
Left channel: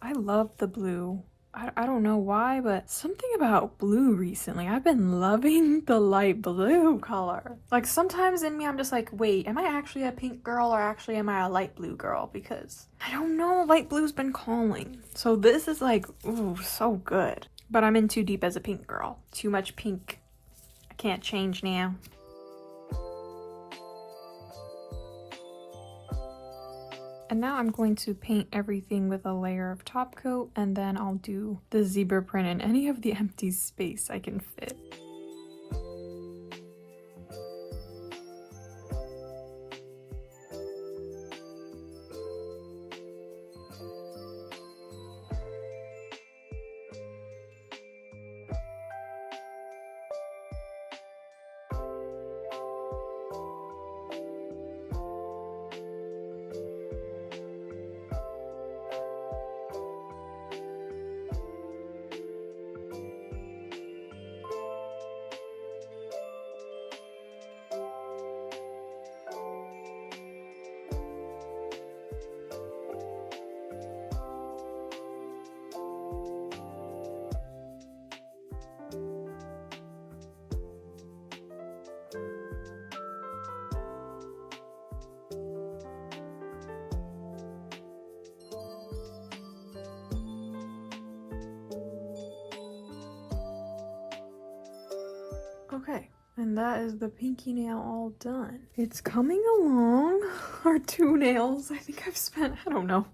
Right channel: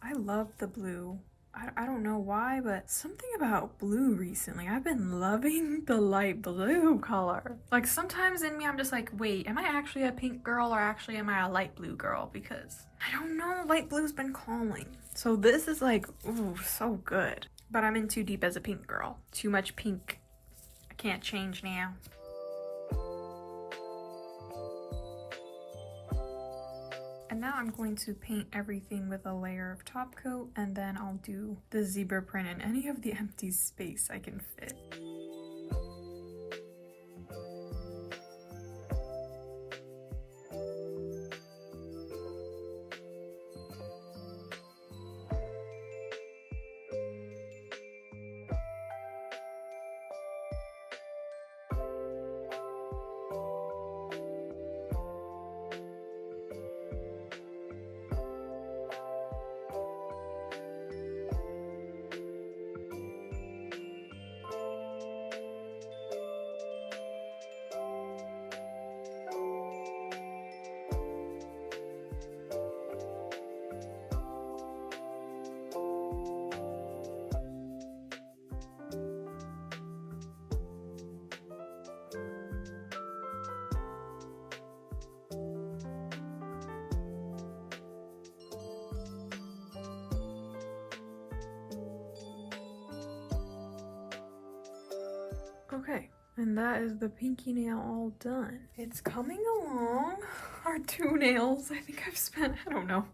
I love the blue. I don't know why, but something about blue recently. I've been loving the light blue color. Like sometimes in me, I'm just like, wait, am I actually a pink girl or actually am I a light blue girl? Because I don't know, light blue's been calling. So this is like, ooh, so good. But I'm in too deep as a pink girl. Too much pink. I can't change now. And now I'm going to paint everything with a layer of top coat, and then I'll do the zebra print in any of the empty space I can fit. Okay, and that is the pinky nail all done. It's coming along. Our two nails, I think I've spent, I don't know,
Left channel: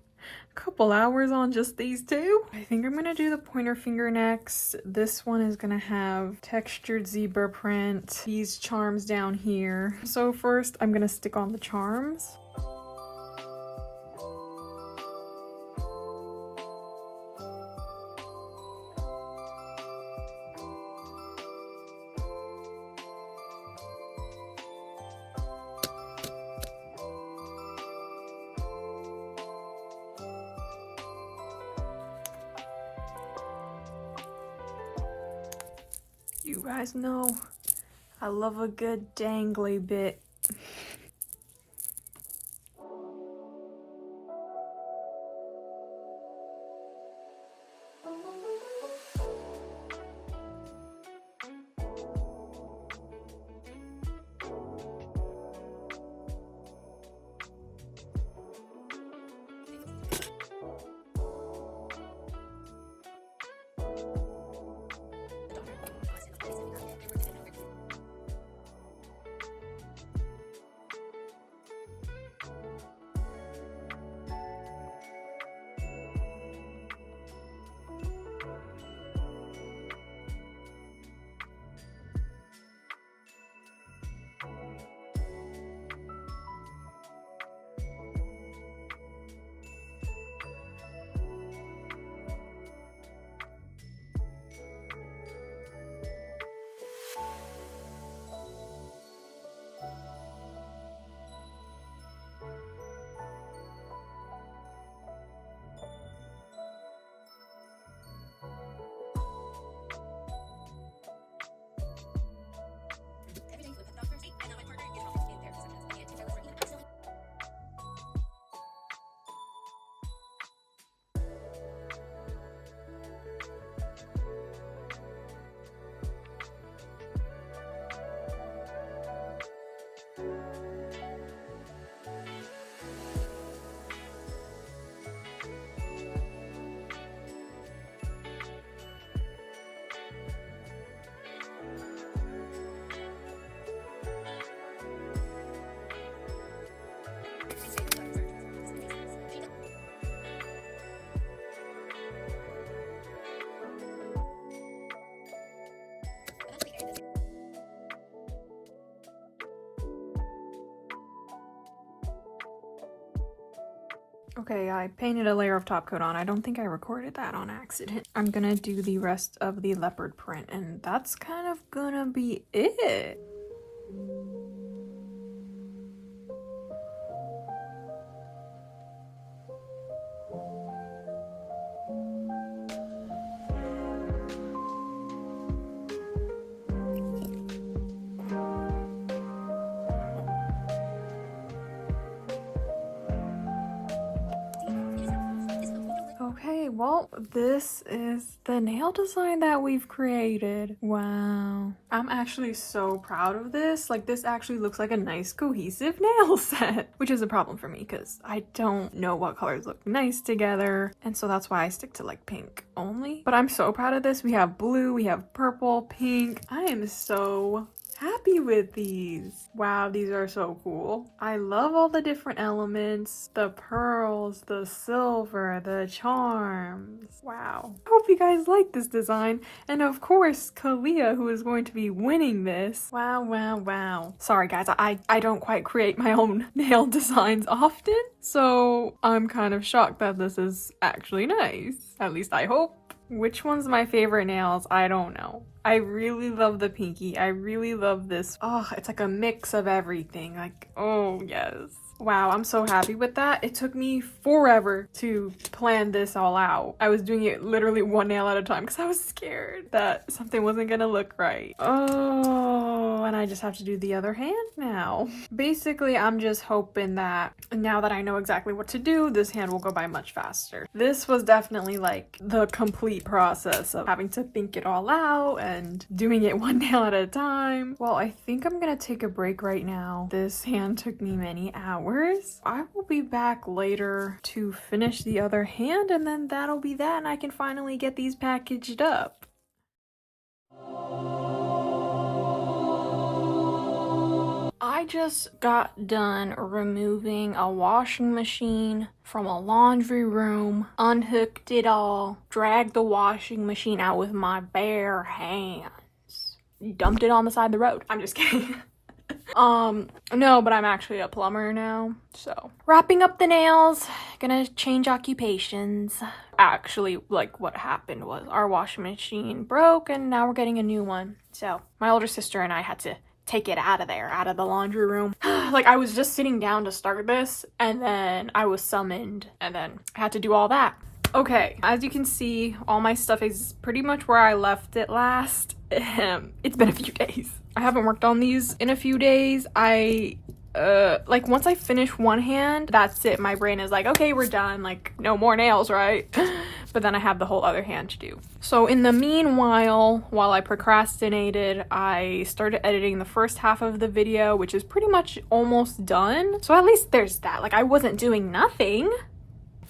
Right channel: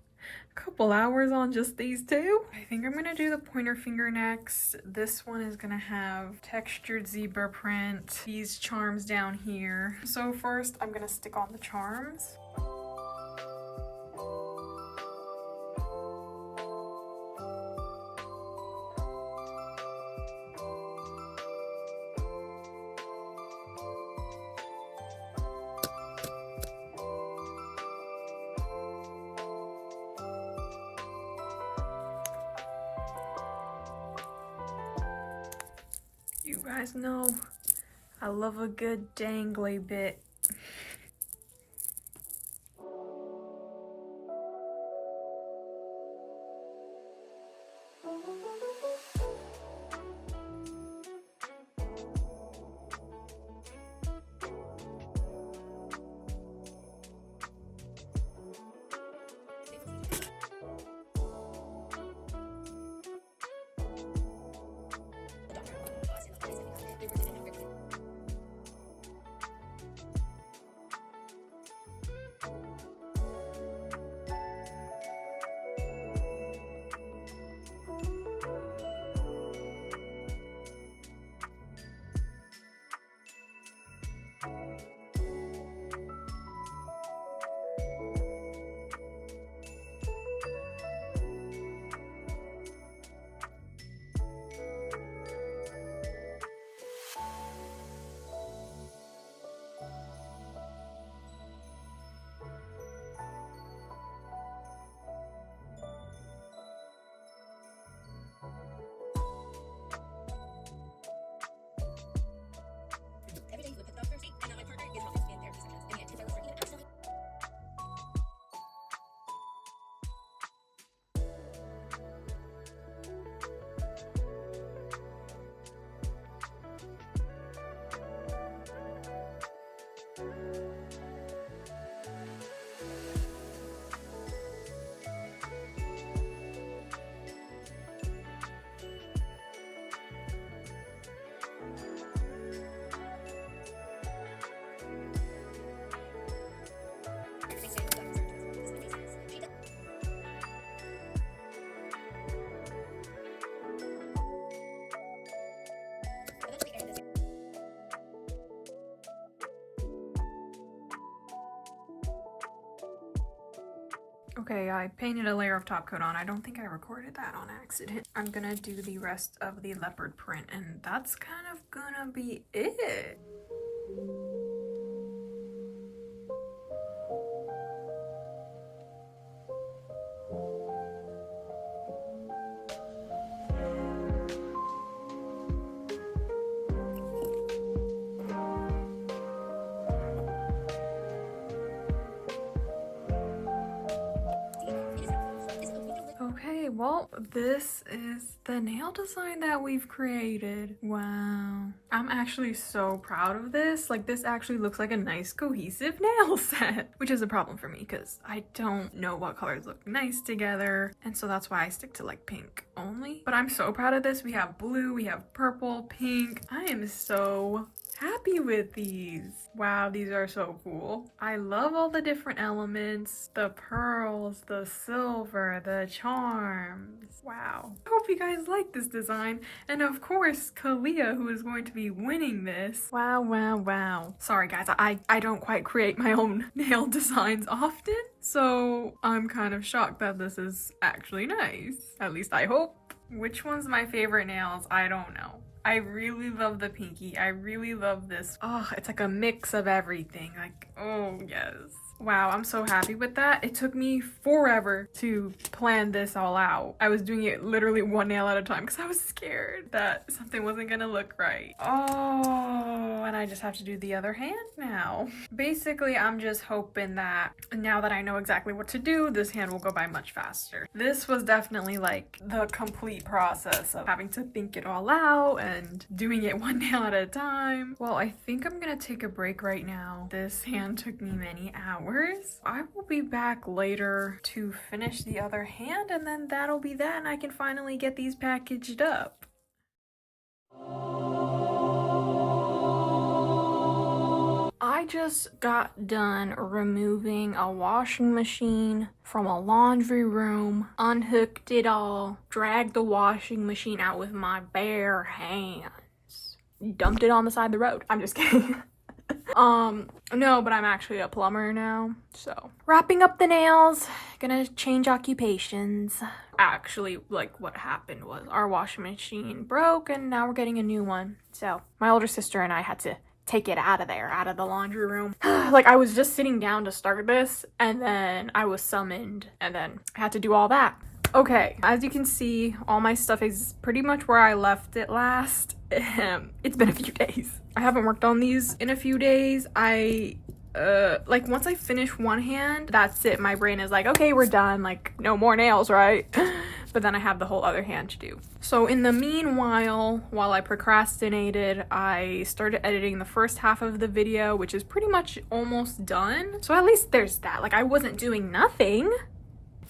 a couple hours on just these two. I think I'm gonna do the pointer finger next. This one is gonna have textured zebra print, these charms down here. So first I'm gonna stick on the charms. You guys know I love a good dangly bit. Okay, I painted a layer of top coat on. I don't think I recorded that on accident. I'm gonna do the rest of the leopard print, and that's kind of gonna be it. Okay, well, this is the nail design that we've created. Wow. I'm actually so proud of this. Like, this actually looks like a nice cohesive nail set, which is a problem for me because I don't know what colors look nice together. And so that's why I stick to like pink only. But I'm so proud of this. We have blue, we have purple, pink. I am so happy with these. Wow, these are so cool. I love all the different elements, the pearls, the silver, the charms. Wow. I hope you guys like this design. And of course, Kalia, who is going to be winning this. Wow, wow, wow. Sorry guys, I don't quite create my own nail designs often, so I'm kind of shocked that this is actually nice. At least I hope. Which one's my favorite nails? I don't know. I really love the pinky. I really love this. Oh, it's like a mix of everything. Like, oh yes. Wow, I'm so happy with that. It took me forever to plan this all out. I was doing it literally one nail at a time because I was scared that something wasn't gonna look right. Oh, and I just have to do the other hand now. Basically, I'm just hoping that now that I know exactly what to do, this hand will go by much faster. This was definitely like the complete process of having to think it all out and doing it one nail at a time. Well, I think I'm gonna take a break right now. This hand took me many hours. I will be back later to finish the other hand, and then that'll be that, and I can finally get these packaged up. I just got done removing a washing machine from a laundry room, unhooked it all, dragged the washing machine out with my bare hands, dumped it on the side of the road. I'm just kidding. No, but I'm actually a plumber now, so. Wrapping up the nails, gonna change occupations. Actually, like, what happened was our washing machine broke and now we're getting a new one. So, my older sister and I had to take it out of there, out of the laundry room. Like, I was just sitting down to start this, and then I was summoned, and then I had to do all that. Okay, as you can see, all my stuff is pretty much where I left it last. It's been a few days. I haven't worked on these in a few days. Like, once I finish one hand, that's it. My brain is like, okay, we're done. Like, no more nails, right? But then I have the whole other hand to do. So in the meanwhile, while I procrastinated, I started editing the first half of the video, which is pretty much almost done. So at least there's that. Like, I wasn't doing nothing.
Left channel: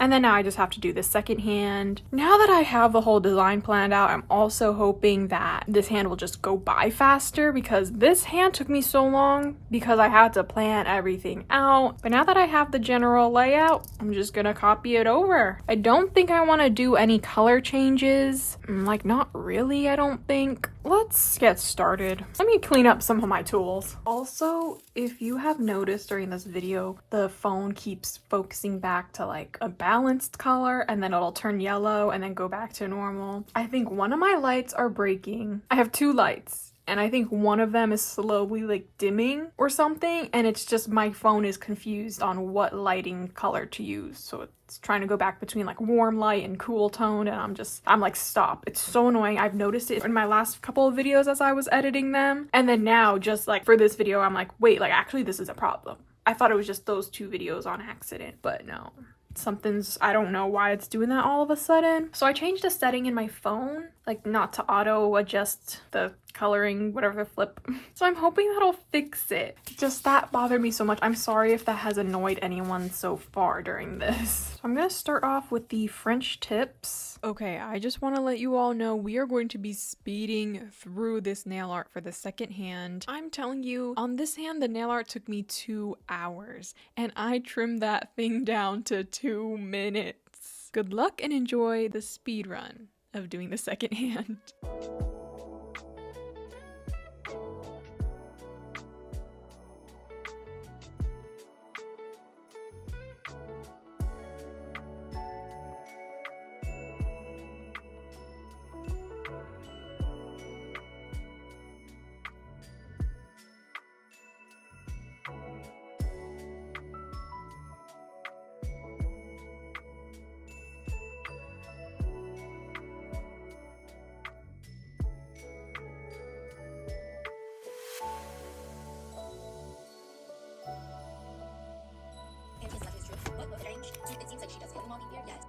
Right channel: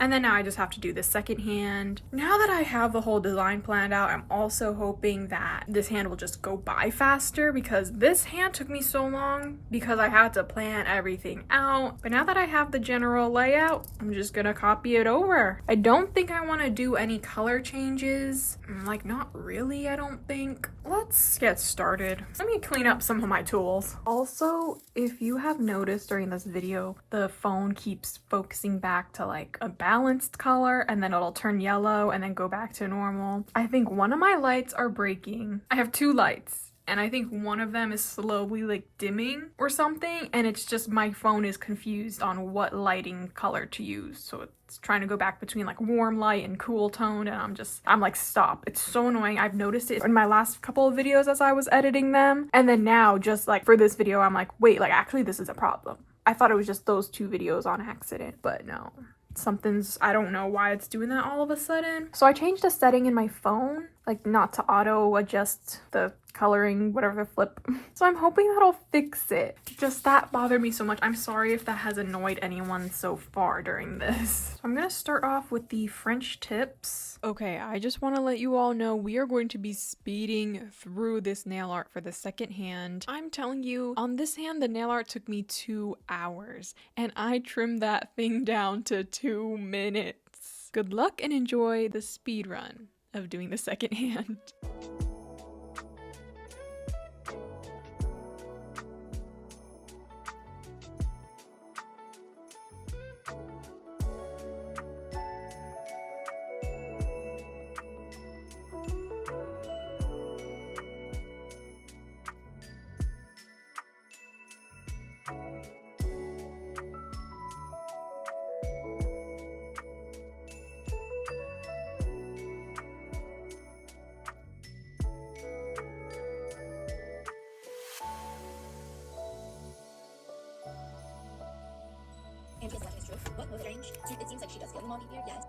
And then now I just have to do the second hand. Now that I have the whole design planned out, I'm also hoping that this hand will just go by faster, because this hand took me so long because I had to plan everything out. But now that I have the general layout, I'm just gonna copy it over. I don't think I want to do any color changes. Like, not really, I don't think. Let's get started. Let me clean up some of my tools. Also, if you have noticed during this video, the phone keeps focusing back to like a balanced color, and then it'll turn yellow and then go back to normal. I think one of my lights are breaking. I have two lights, and I think one of them is slowly like dimming or something, and it's just my phone is confused on what lighting color to use. So it's trying to go back between like warm light and cool tone, and I'm like, stop. It's so annoying. I've noticed it in my last couple of videos as I was editing them, and then now just like for this video, I'm like, wait, like actually this is a problem. I thought it was just those two videos on accident, but no. I don't know why it's doing that all of a sudden. So I changed a setting in my phone, like not to auto adjust the coloring, whatever, the flip. So I'm hoping that'll fix it. Just that bothered me so much. I'm sorry if that has annoyed anyone so far during this. So I'm gonna start off with the French tips. Okay, I just want to let you all know we are going to be speeding through this nail art for the second hand. I'm telling you, on this hand, the nail art took me 2 hours, and I trimmed that thing down to 2 minutes. Good luck and enjoy the speed run of doing the second hand. And it's not his truth, but no strange. It seems like she does feel involved here, yes.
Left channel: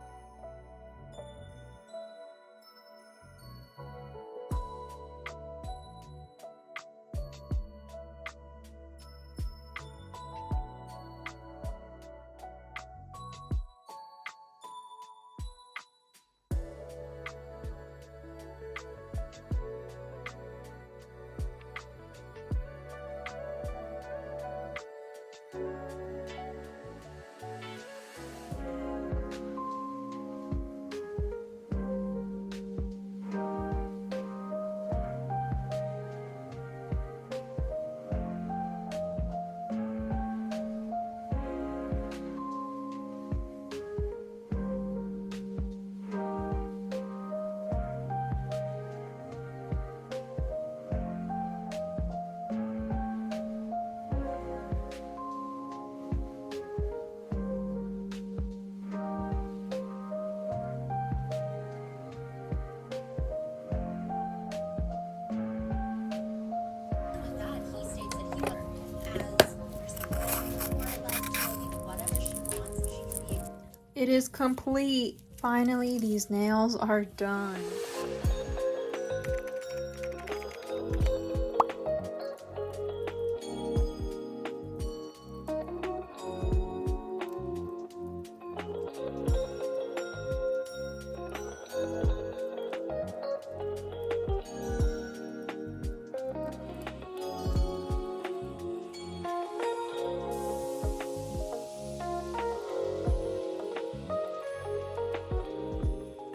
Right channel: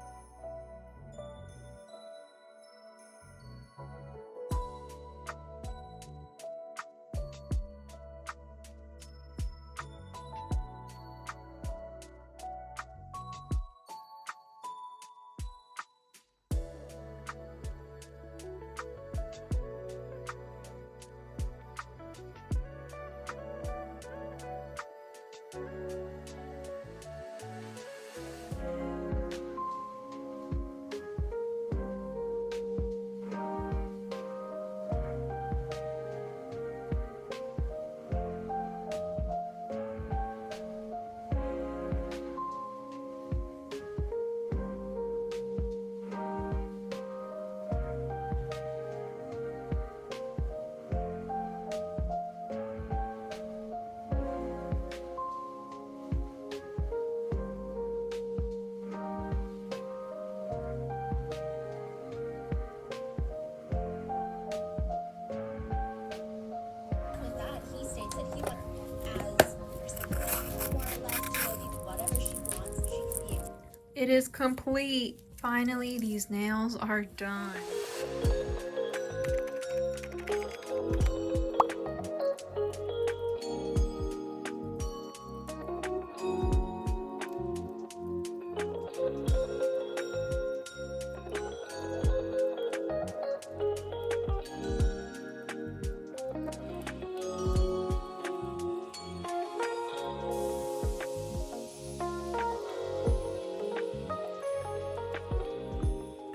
It is complete. Finally, these nails are done.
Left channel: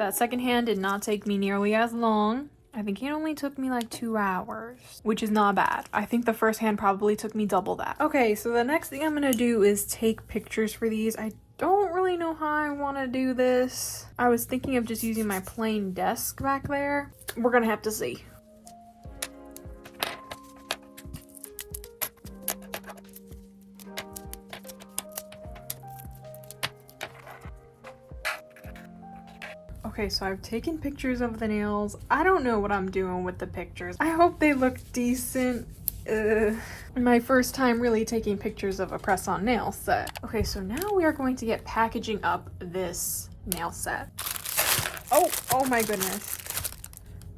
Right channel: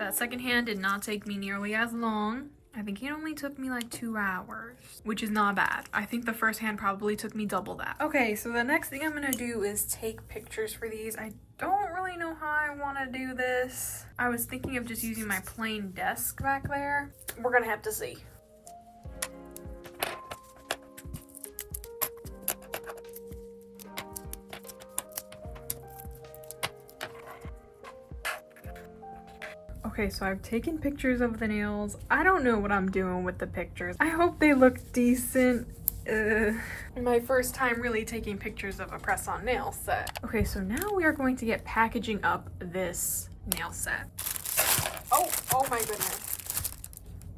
That second hand did not take me nearly as long. I think it only took me like 2 hours, which is not bad. I think the first hand probably took me double that. Okay, so the next thing I'm gonna do is take pictures for these. I don't really know how I want to do this. I was thinking of just using my plain desk back there. We're gonna have to see. Okay, so I've taken pictures of the nails. I don't know what I'm doing with the pictures. I hope they look decent. My first time really taking pictures of a press-on nail set. Okay, so now we are going to get packaging up this nail set. Oh my goodness.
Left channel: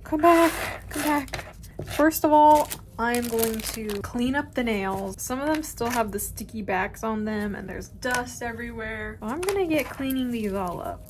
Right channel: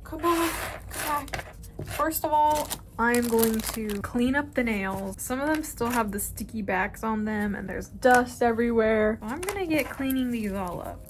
Come back. First of all, I am going to clean up the nails. Some of them still have the sticky backs on them and there's dust everywhere. So I'm gonna get cleaning these all up.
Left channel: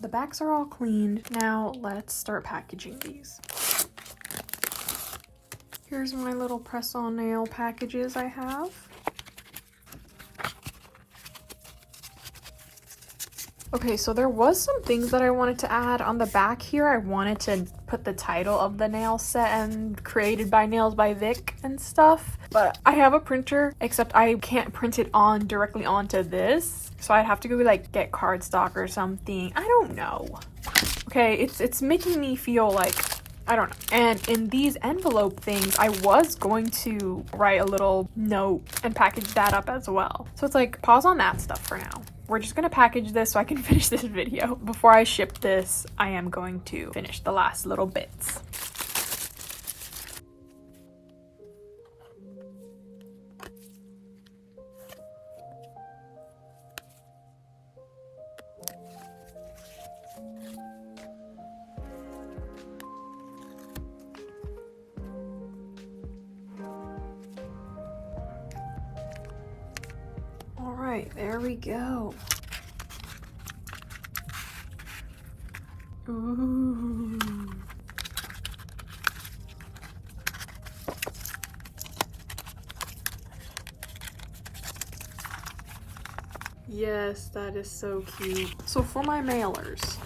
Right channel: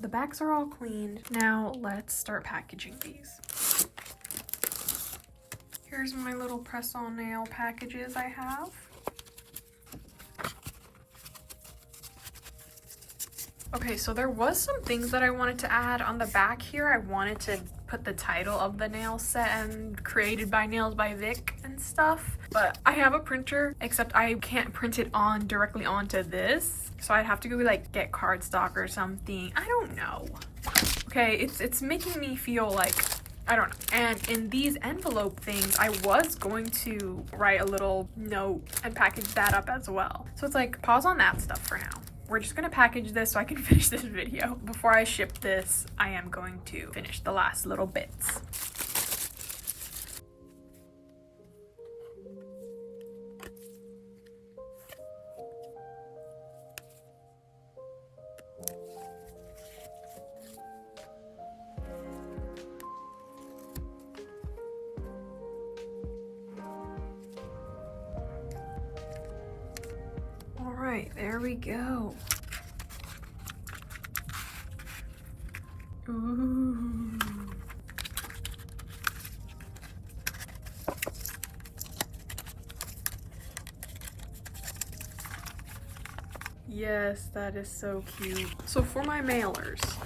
The backs are all cleaned. Now let's start packaging these. Here's my little press-on nail packages I have. Okay, so there was some things that I wanted to add on the back here. I wanted to put the title of the nail set and created by Nails by Vic and stuff. But I have a printer, except I can't print it on directly onto this. So I'd have to go like get cardstock or something. I don't know. Okay, it's making me feel like, I don't know. And in these envelope things, I was going to write a little note and package that up as well. So it's like, pause on that stuff for now. We're just gonna package this so I can finish this video. Before I ship this, I am going to finish the last little bits. All right, there we go. Ooh. Yes, that is so cute. So for my mailers,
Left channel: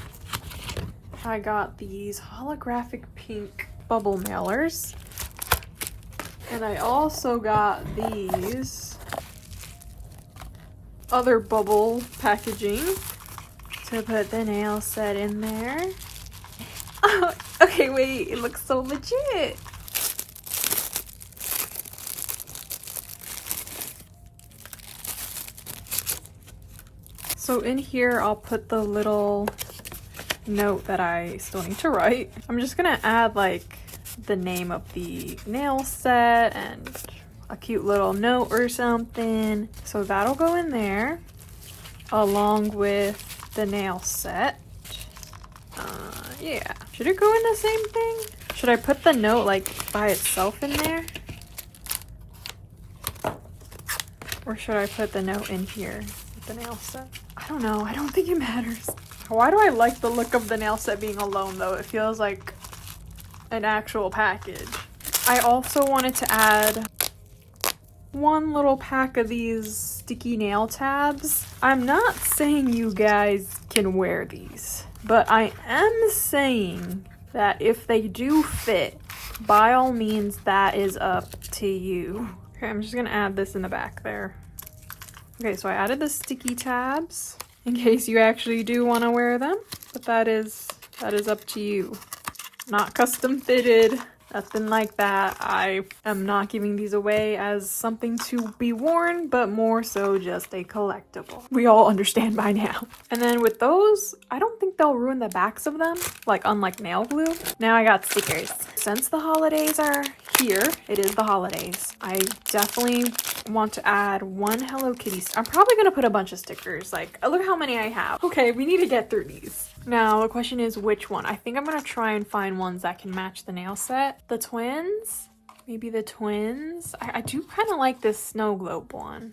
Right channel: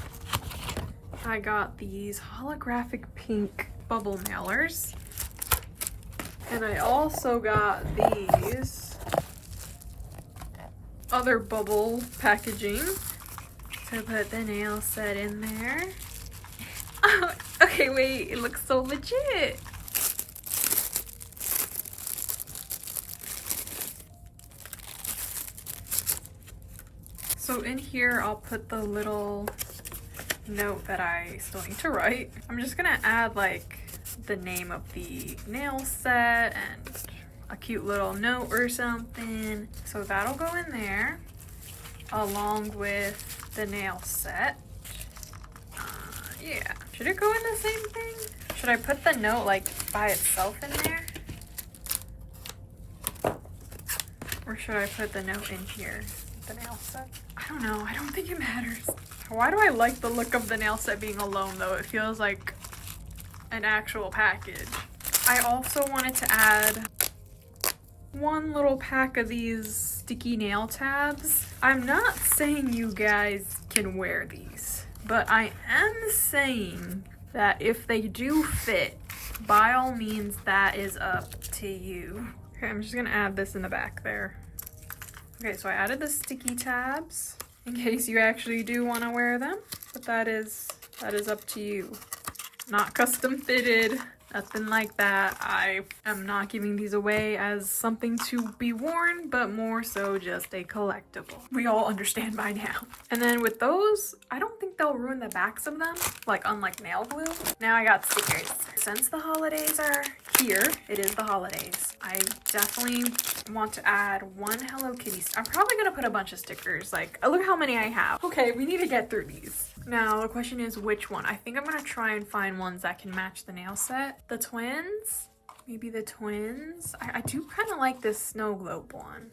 I got these holographic pink bubble mailers. And I also got these other bubble packaging to put the nail set in there. Oh, okay, wait, it looks so legit. So in here, I'll put the little note that I still need to write. I'm just gonna add like the name of the nail set and a cute little note or something. So that'll go in there along with the nail set. Yeah. Should it go in the same thing? Should I put the note like by itself in there? Or should I put the note in here with the nail set? I don't know. I don't think it matters. Why do I like the look of the nail set being alone though? It feels like an actual package. I also wanted to add one little pack of these sticky nail tabs. I'm not saying you guys can wear these, but I am saying that if they do fit, by all means, that is up to you. Okay, I'm just gonna add this in the back there. Okay, so I added the sticky tabs in case you actually do want to wear them, but that is up to you. Not custom fitted. Nothing like that. I am not giving these away as something to be worn, but more so just a collectible. We all understand by now. And then with those, I don't think they'll ruin the backs of them, like unlike nail glue. Now I got stickers. Since the holidays are here, it is the holidays, I definitely want to add one Hello Kitty. I'm probably gonna put a bunch of stickers. Like, look how many I have. Okay, we need to get through these. Now the question is which one. I think I'm gonna try and find ones that can match the nail set. The twins, Maybe the twins? I do kind of like this snow globe one.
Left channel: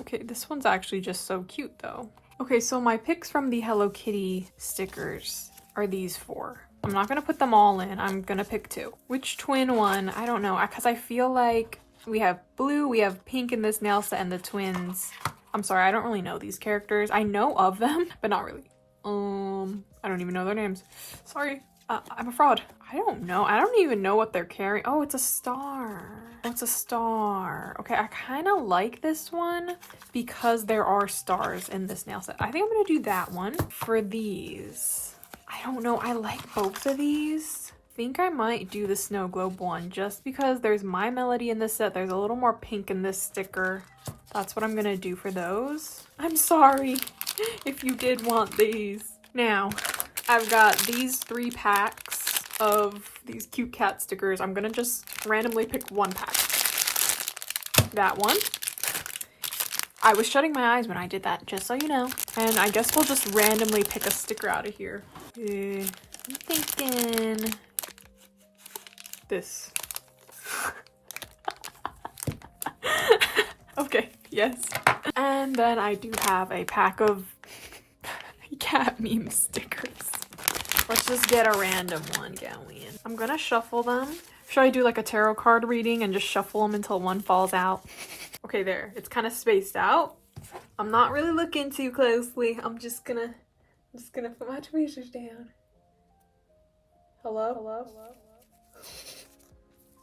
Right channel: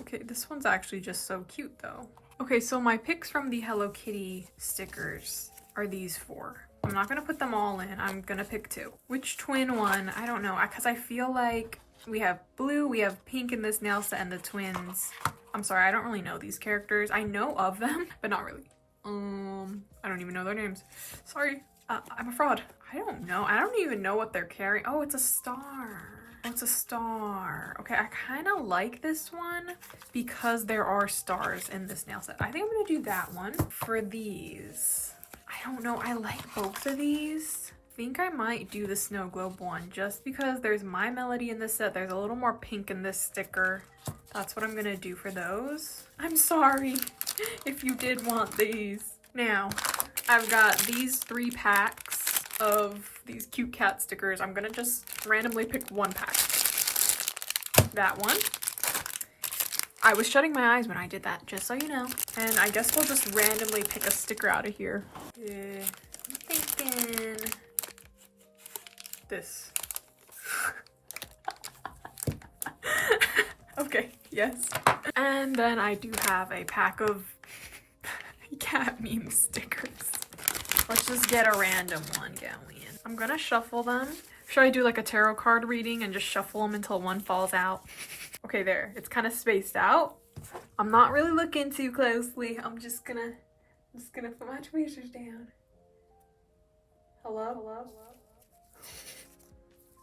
Okay, this one's actually just so cute though. Okay, so my picks from the Hello Kitty stickers are these 4. I'm not gonna put them all in. I'm gonna pick 2. Which twin one? I don't know, because I feel like we have blue, we have pink in this nail set, and the twins. I'm sorry, I don't really know these characters. I know of them, but not really. I don't even know their names. Sorry, I'm a fraud. I don't know. I don't even know what they're carrying. Oh, it's a star. Oh, it's a star. Okay, I kind of like this one because there are stars in this nail set. I think I'm gonna do that one. For these, I don't know. I like both of these. I think I might do the snow globe one just because there's My Melody in this set. There's a little more pink in this sticker. That's what I'm gonna do for those. I'm sorry if you did want these. Now, I've got these 3 packs of these cute cat stickers. I'm gonna just randomly pick one pack. That one. I was shutting my eyes when I did that, just so you know. And I guess we'll just randomly pick a sticker out of here. I'm thinking this. Okay, yes. And then I do have a pack of cat meme stickers. Let's just get a random one going. I'm gonna shuffle them. Should I do like a tarot card reading and just shuffle them until one falls out? Okay, there. It's kind of spaced out. I'm not really looking too closely. I'm just gonna put my tweezers down. Hello? Hello?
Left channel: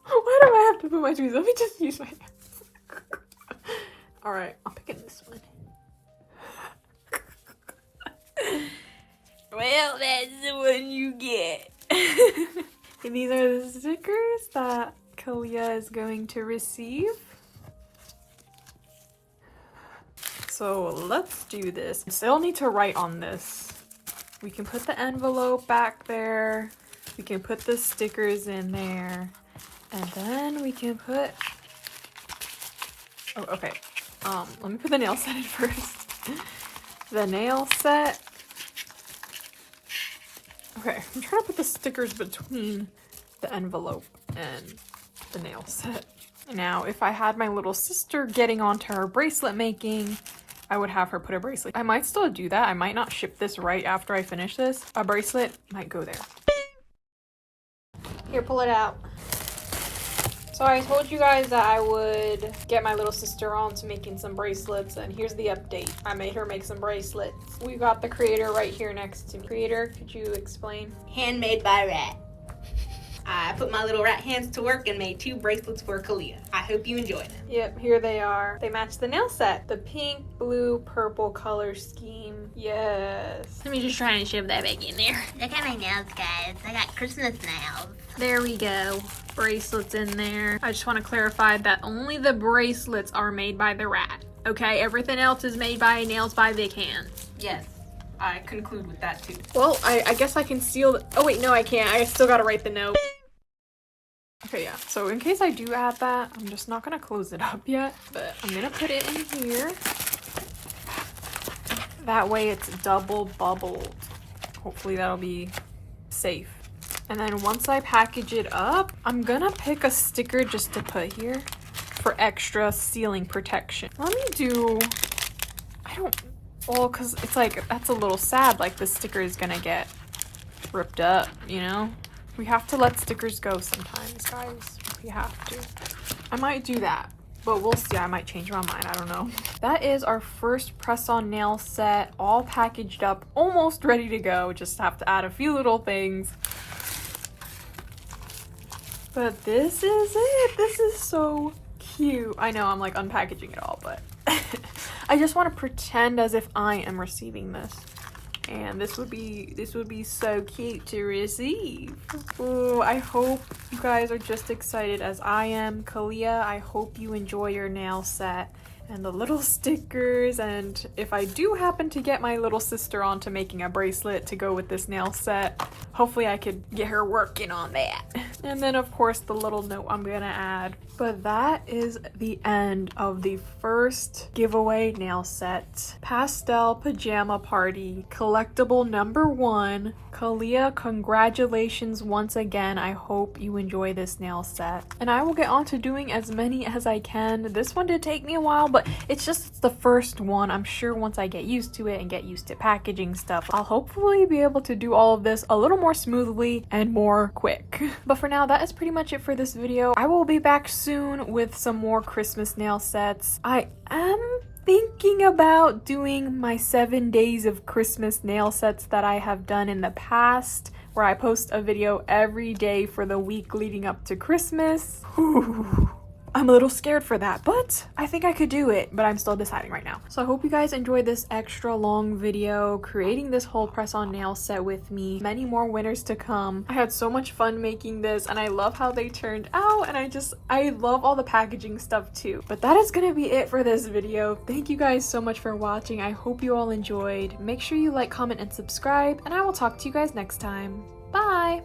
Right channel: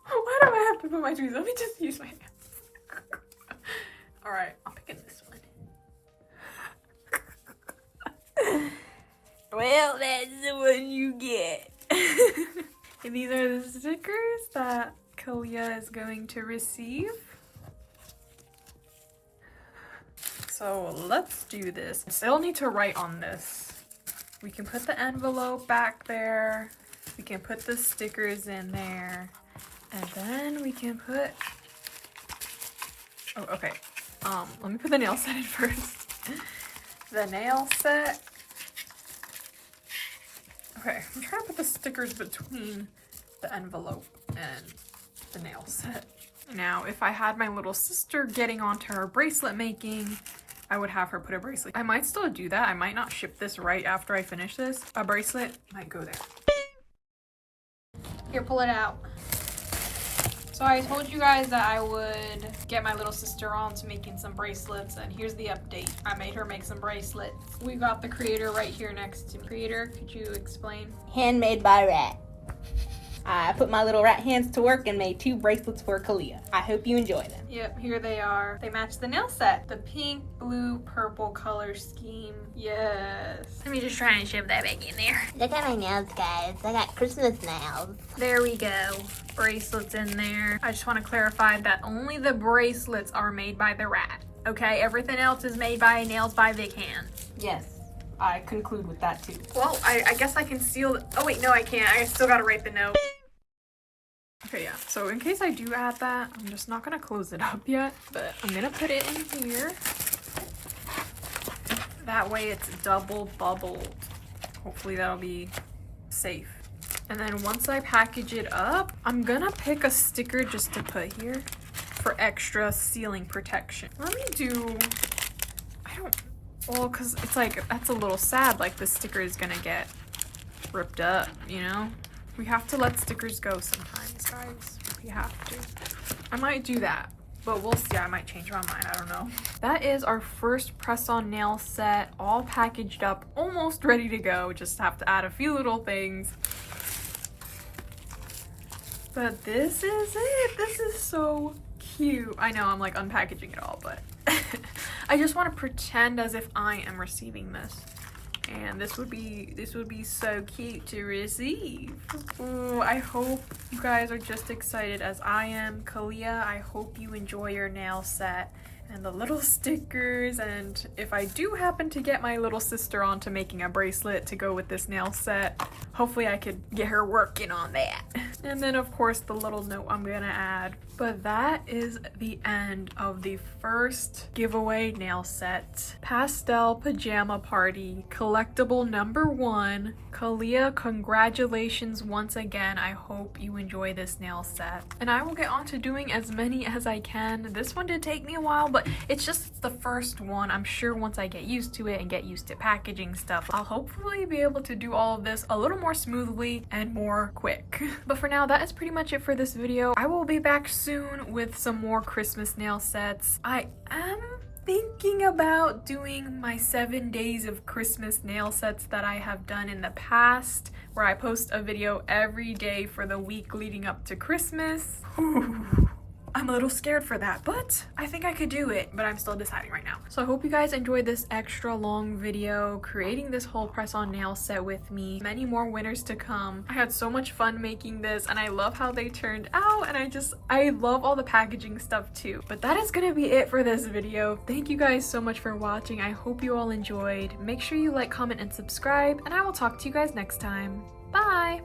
Why do I have to put my tweezers? Let me just use my hands. Alright, I'll pick in this one. Well, that's the one you get. And these are the stickers that Kalia is going to receive. So let's do this. Still need to write on this. We can put the envelope back there. We can put the stickers in there. And then we can put... Oh, okay. Let me put the nail set in first. The nail set. Okay, I'm trying to put the stickers between the envelope and the nail set. Now, if I had my little sister getting onto her bracelet making, I would have her put a bracelet. I might still do that. I might not ship this right after I finish this. A bracelet might go there. Here, pull it out. So I told you guys that I would get my little sister on to making some bracelets, and here's the update. I made her make some bracelets. We got the creator right here next to me. Creator, could you explain? Handmade by Rat. I put my little rat hands to work and made 2 bracelets for Kalia. I hope you enjoy them. Yep, here they are. They match the nail set. The pink, blue, purple color scheme. Yes. Let me just try and shove that back in there. Look at my nails, guys. I got Christmas nails. There we go. Bracelets in there. I just want to clarify that only the bracelets are made by the rat. Okay, everything else is made by Nails by Vic Hands. Yes, I conclude with that too. Well, I guess I can seal the... Oh wait, no I can't. I still gotta write the note. Okay, yeah. So in case I do add that, I'm just not gonna close it up yet, but I'm gonna put it in here. That way it's double bubbled. Hopefully that'll be safe. And then once I package it up, I'm gonna pick a sticker just to put here for extra sealing protection. Let me do... Well, because it's like, that's a little sad, like the sticker is gonna get ripped up, you know? We have to let stickers go sometimes, guys. We have to. I might do that, but we'll see. I might change my mind. I don't know. That is our first press-on nail set, all packaged up, almost ready to go. Just have to add a few little things. But this is it. This is so cute. I know I'm like unpackaging it all, but I just want to pretend as if I am receiving this. And this would be so cute to receive. Ooh, I hope you guys are just excited as I am. Kalia, I hope you enjoy your nail set and the little stickers. And if I do happen to get my little sister onto making a bracelet to go with this nail set, hopefully I could get her working on that. And then of course the little note I'm gonna add. But that is the end of the first giveaway nail set. Pastel Pajama Party, collectible number 1. Kalia, congratulations once again. I hope you enjoy this nail set. And I will get on to doing as many as I can. This one did take me a while, but it's just the first one. I'm sure once I get used to it and get used to packaging stuff, I'll hopefully be able to do all of this a little more smoothly and more quick. But for now, that is pretty much it for this video. I will be back soon with some more Christmas nail sets. I am thinking about doing my 7 days of Christmas nail sets that I have done in the past, where I post a video every day for the week leading up to Christmas. Whew. I'm a little scared for that, but I think I could do it, but I'm still deciding right now. So I hope you guys enjoyed this extra long video creating this whole press-on nail set with me. Many more winners to come. I had so much fun making this, and I love how they turned out, and I love all the packaging stuff too. But that is gonna be it for this video. Thank you guys so much for watching. I hope you all enjoyed. Make sure you like, comment, and subscribe, and I will talk to you guys next time. Bye!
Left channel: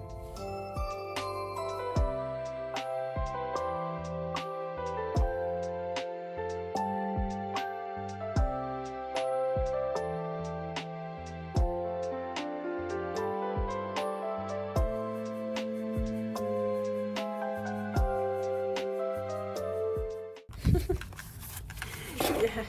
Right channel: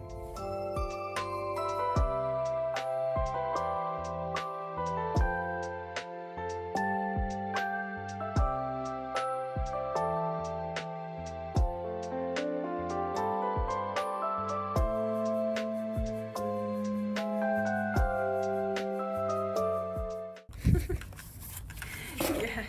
Yes.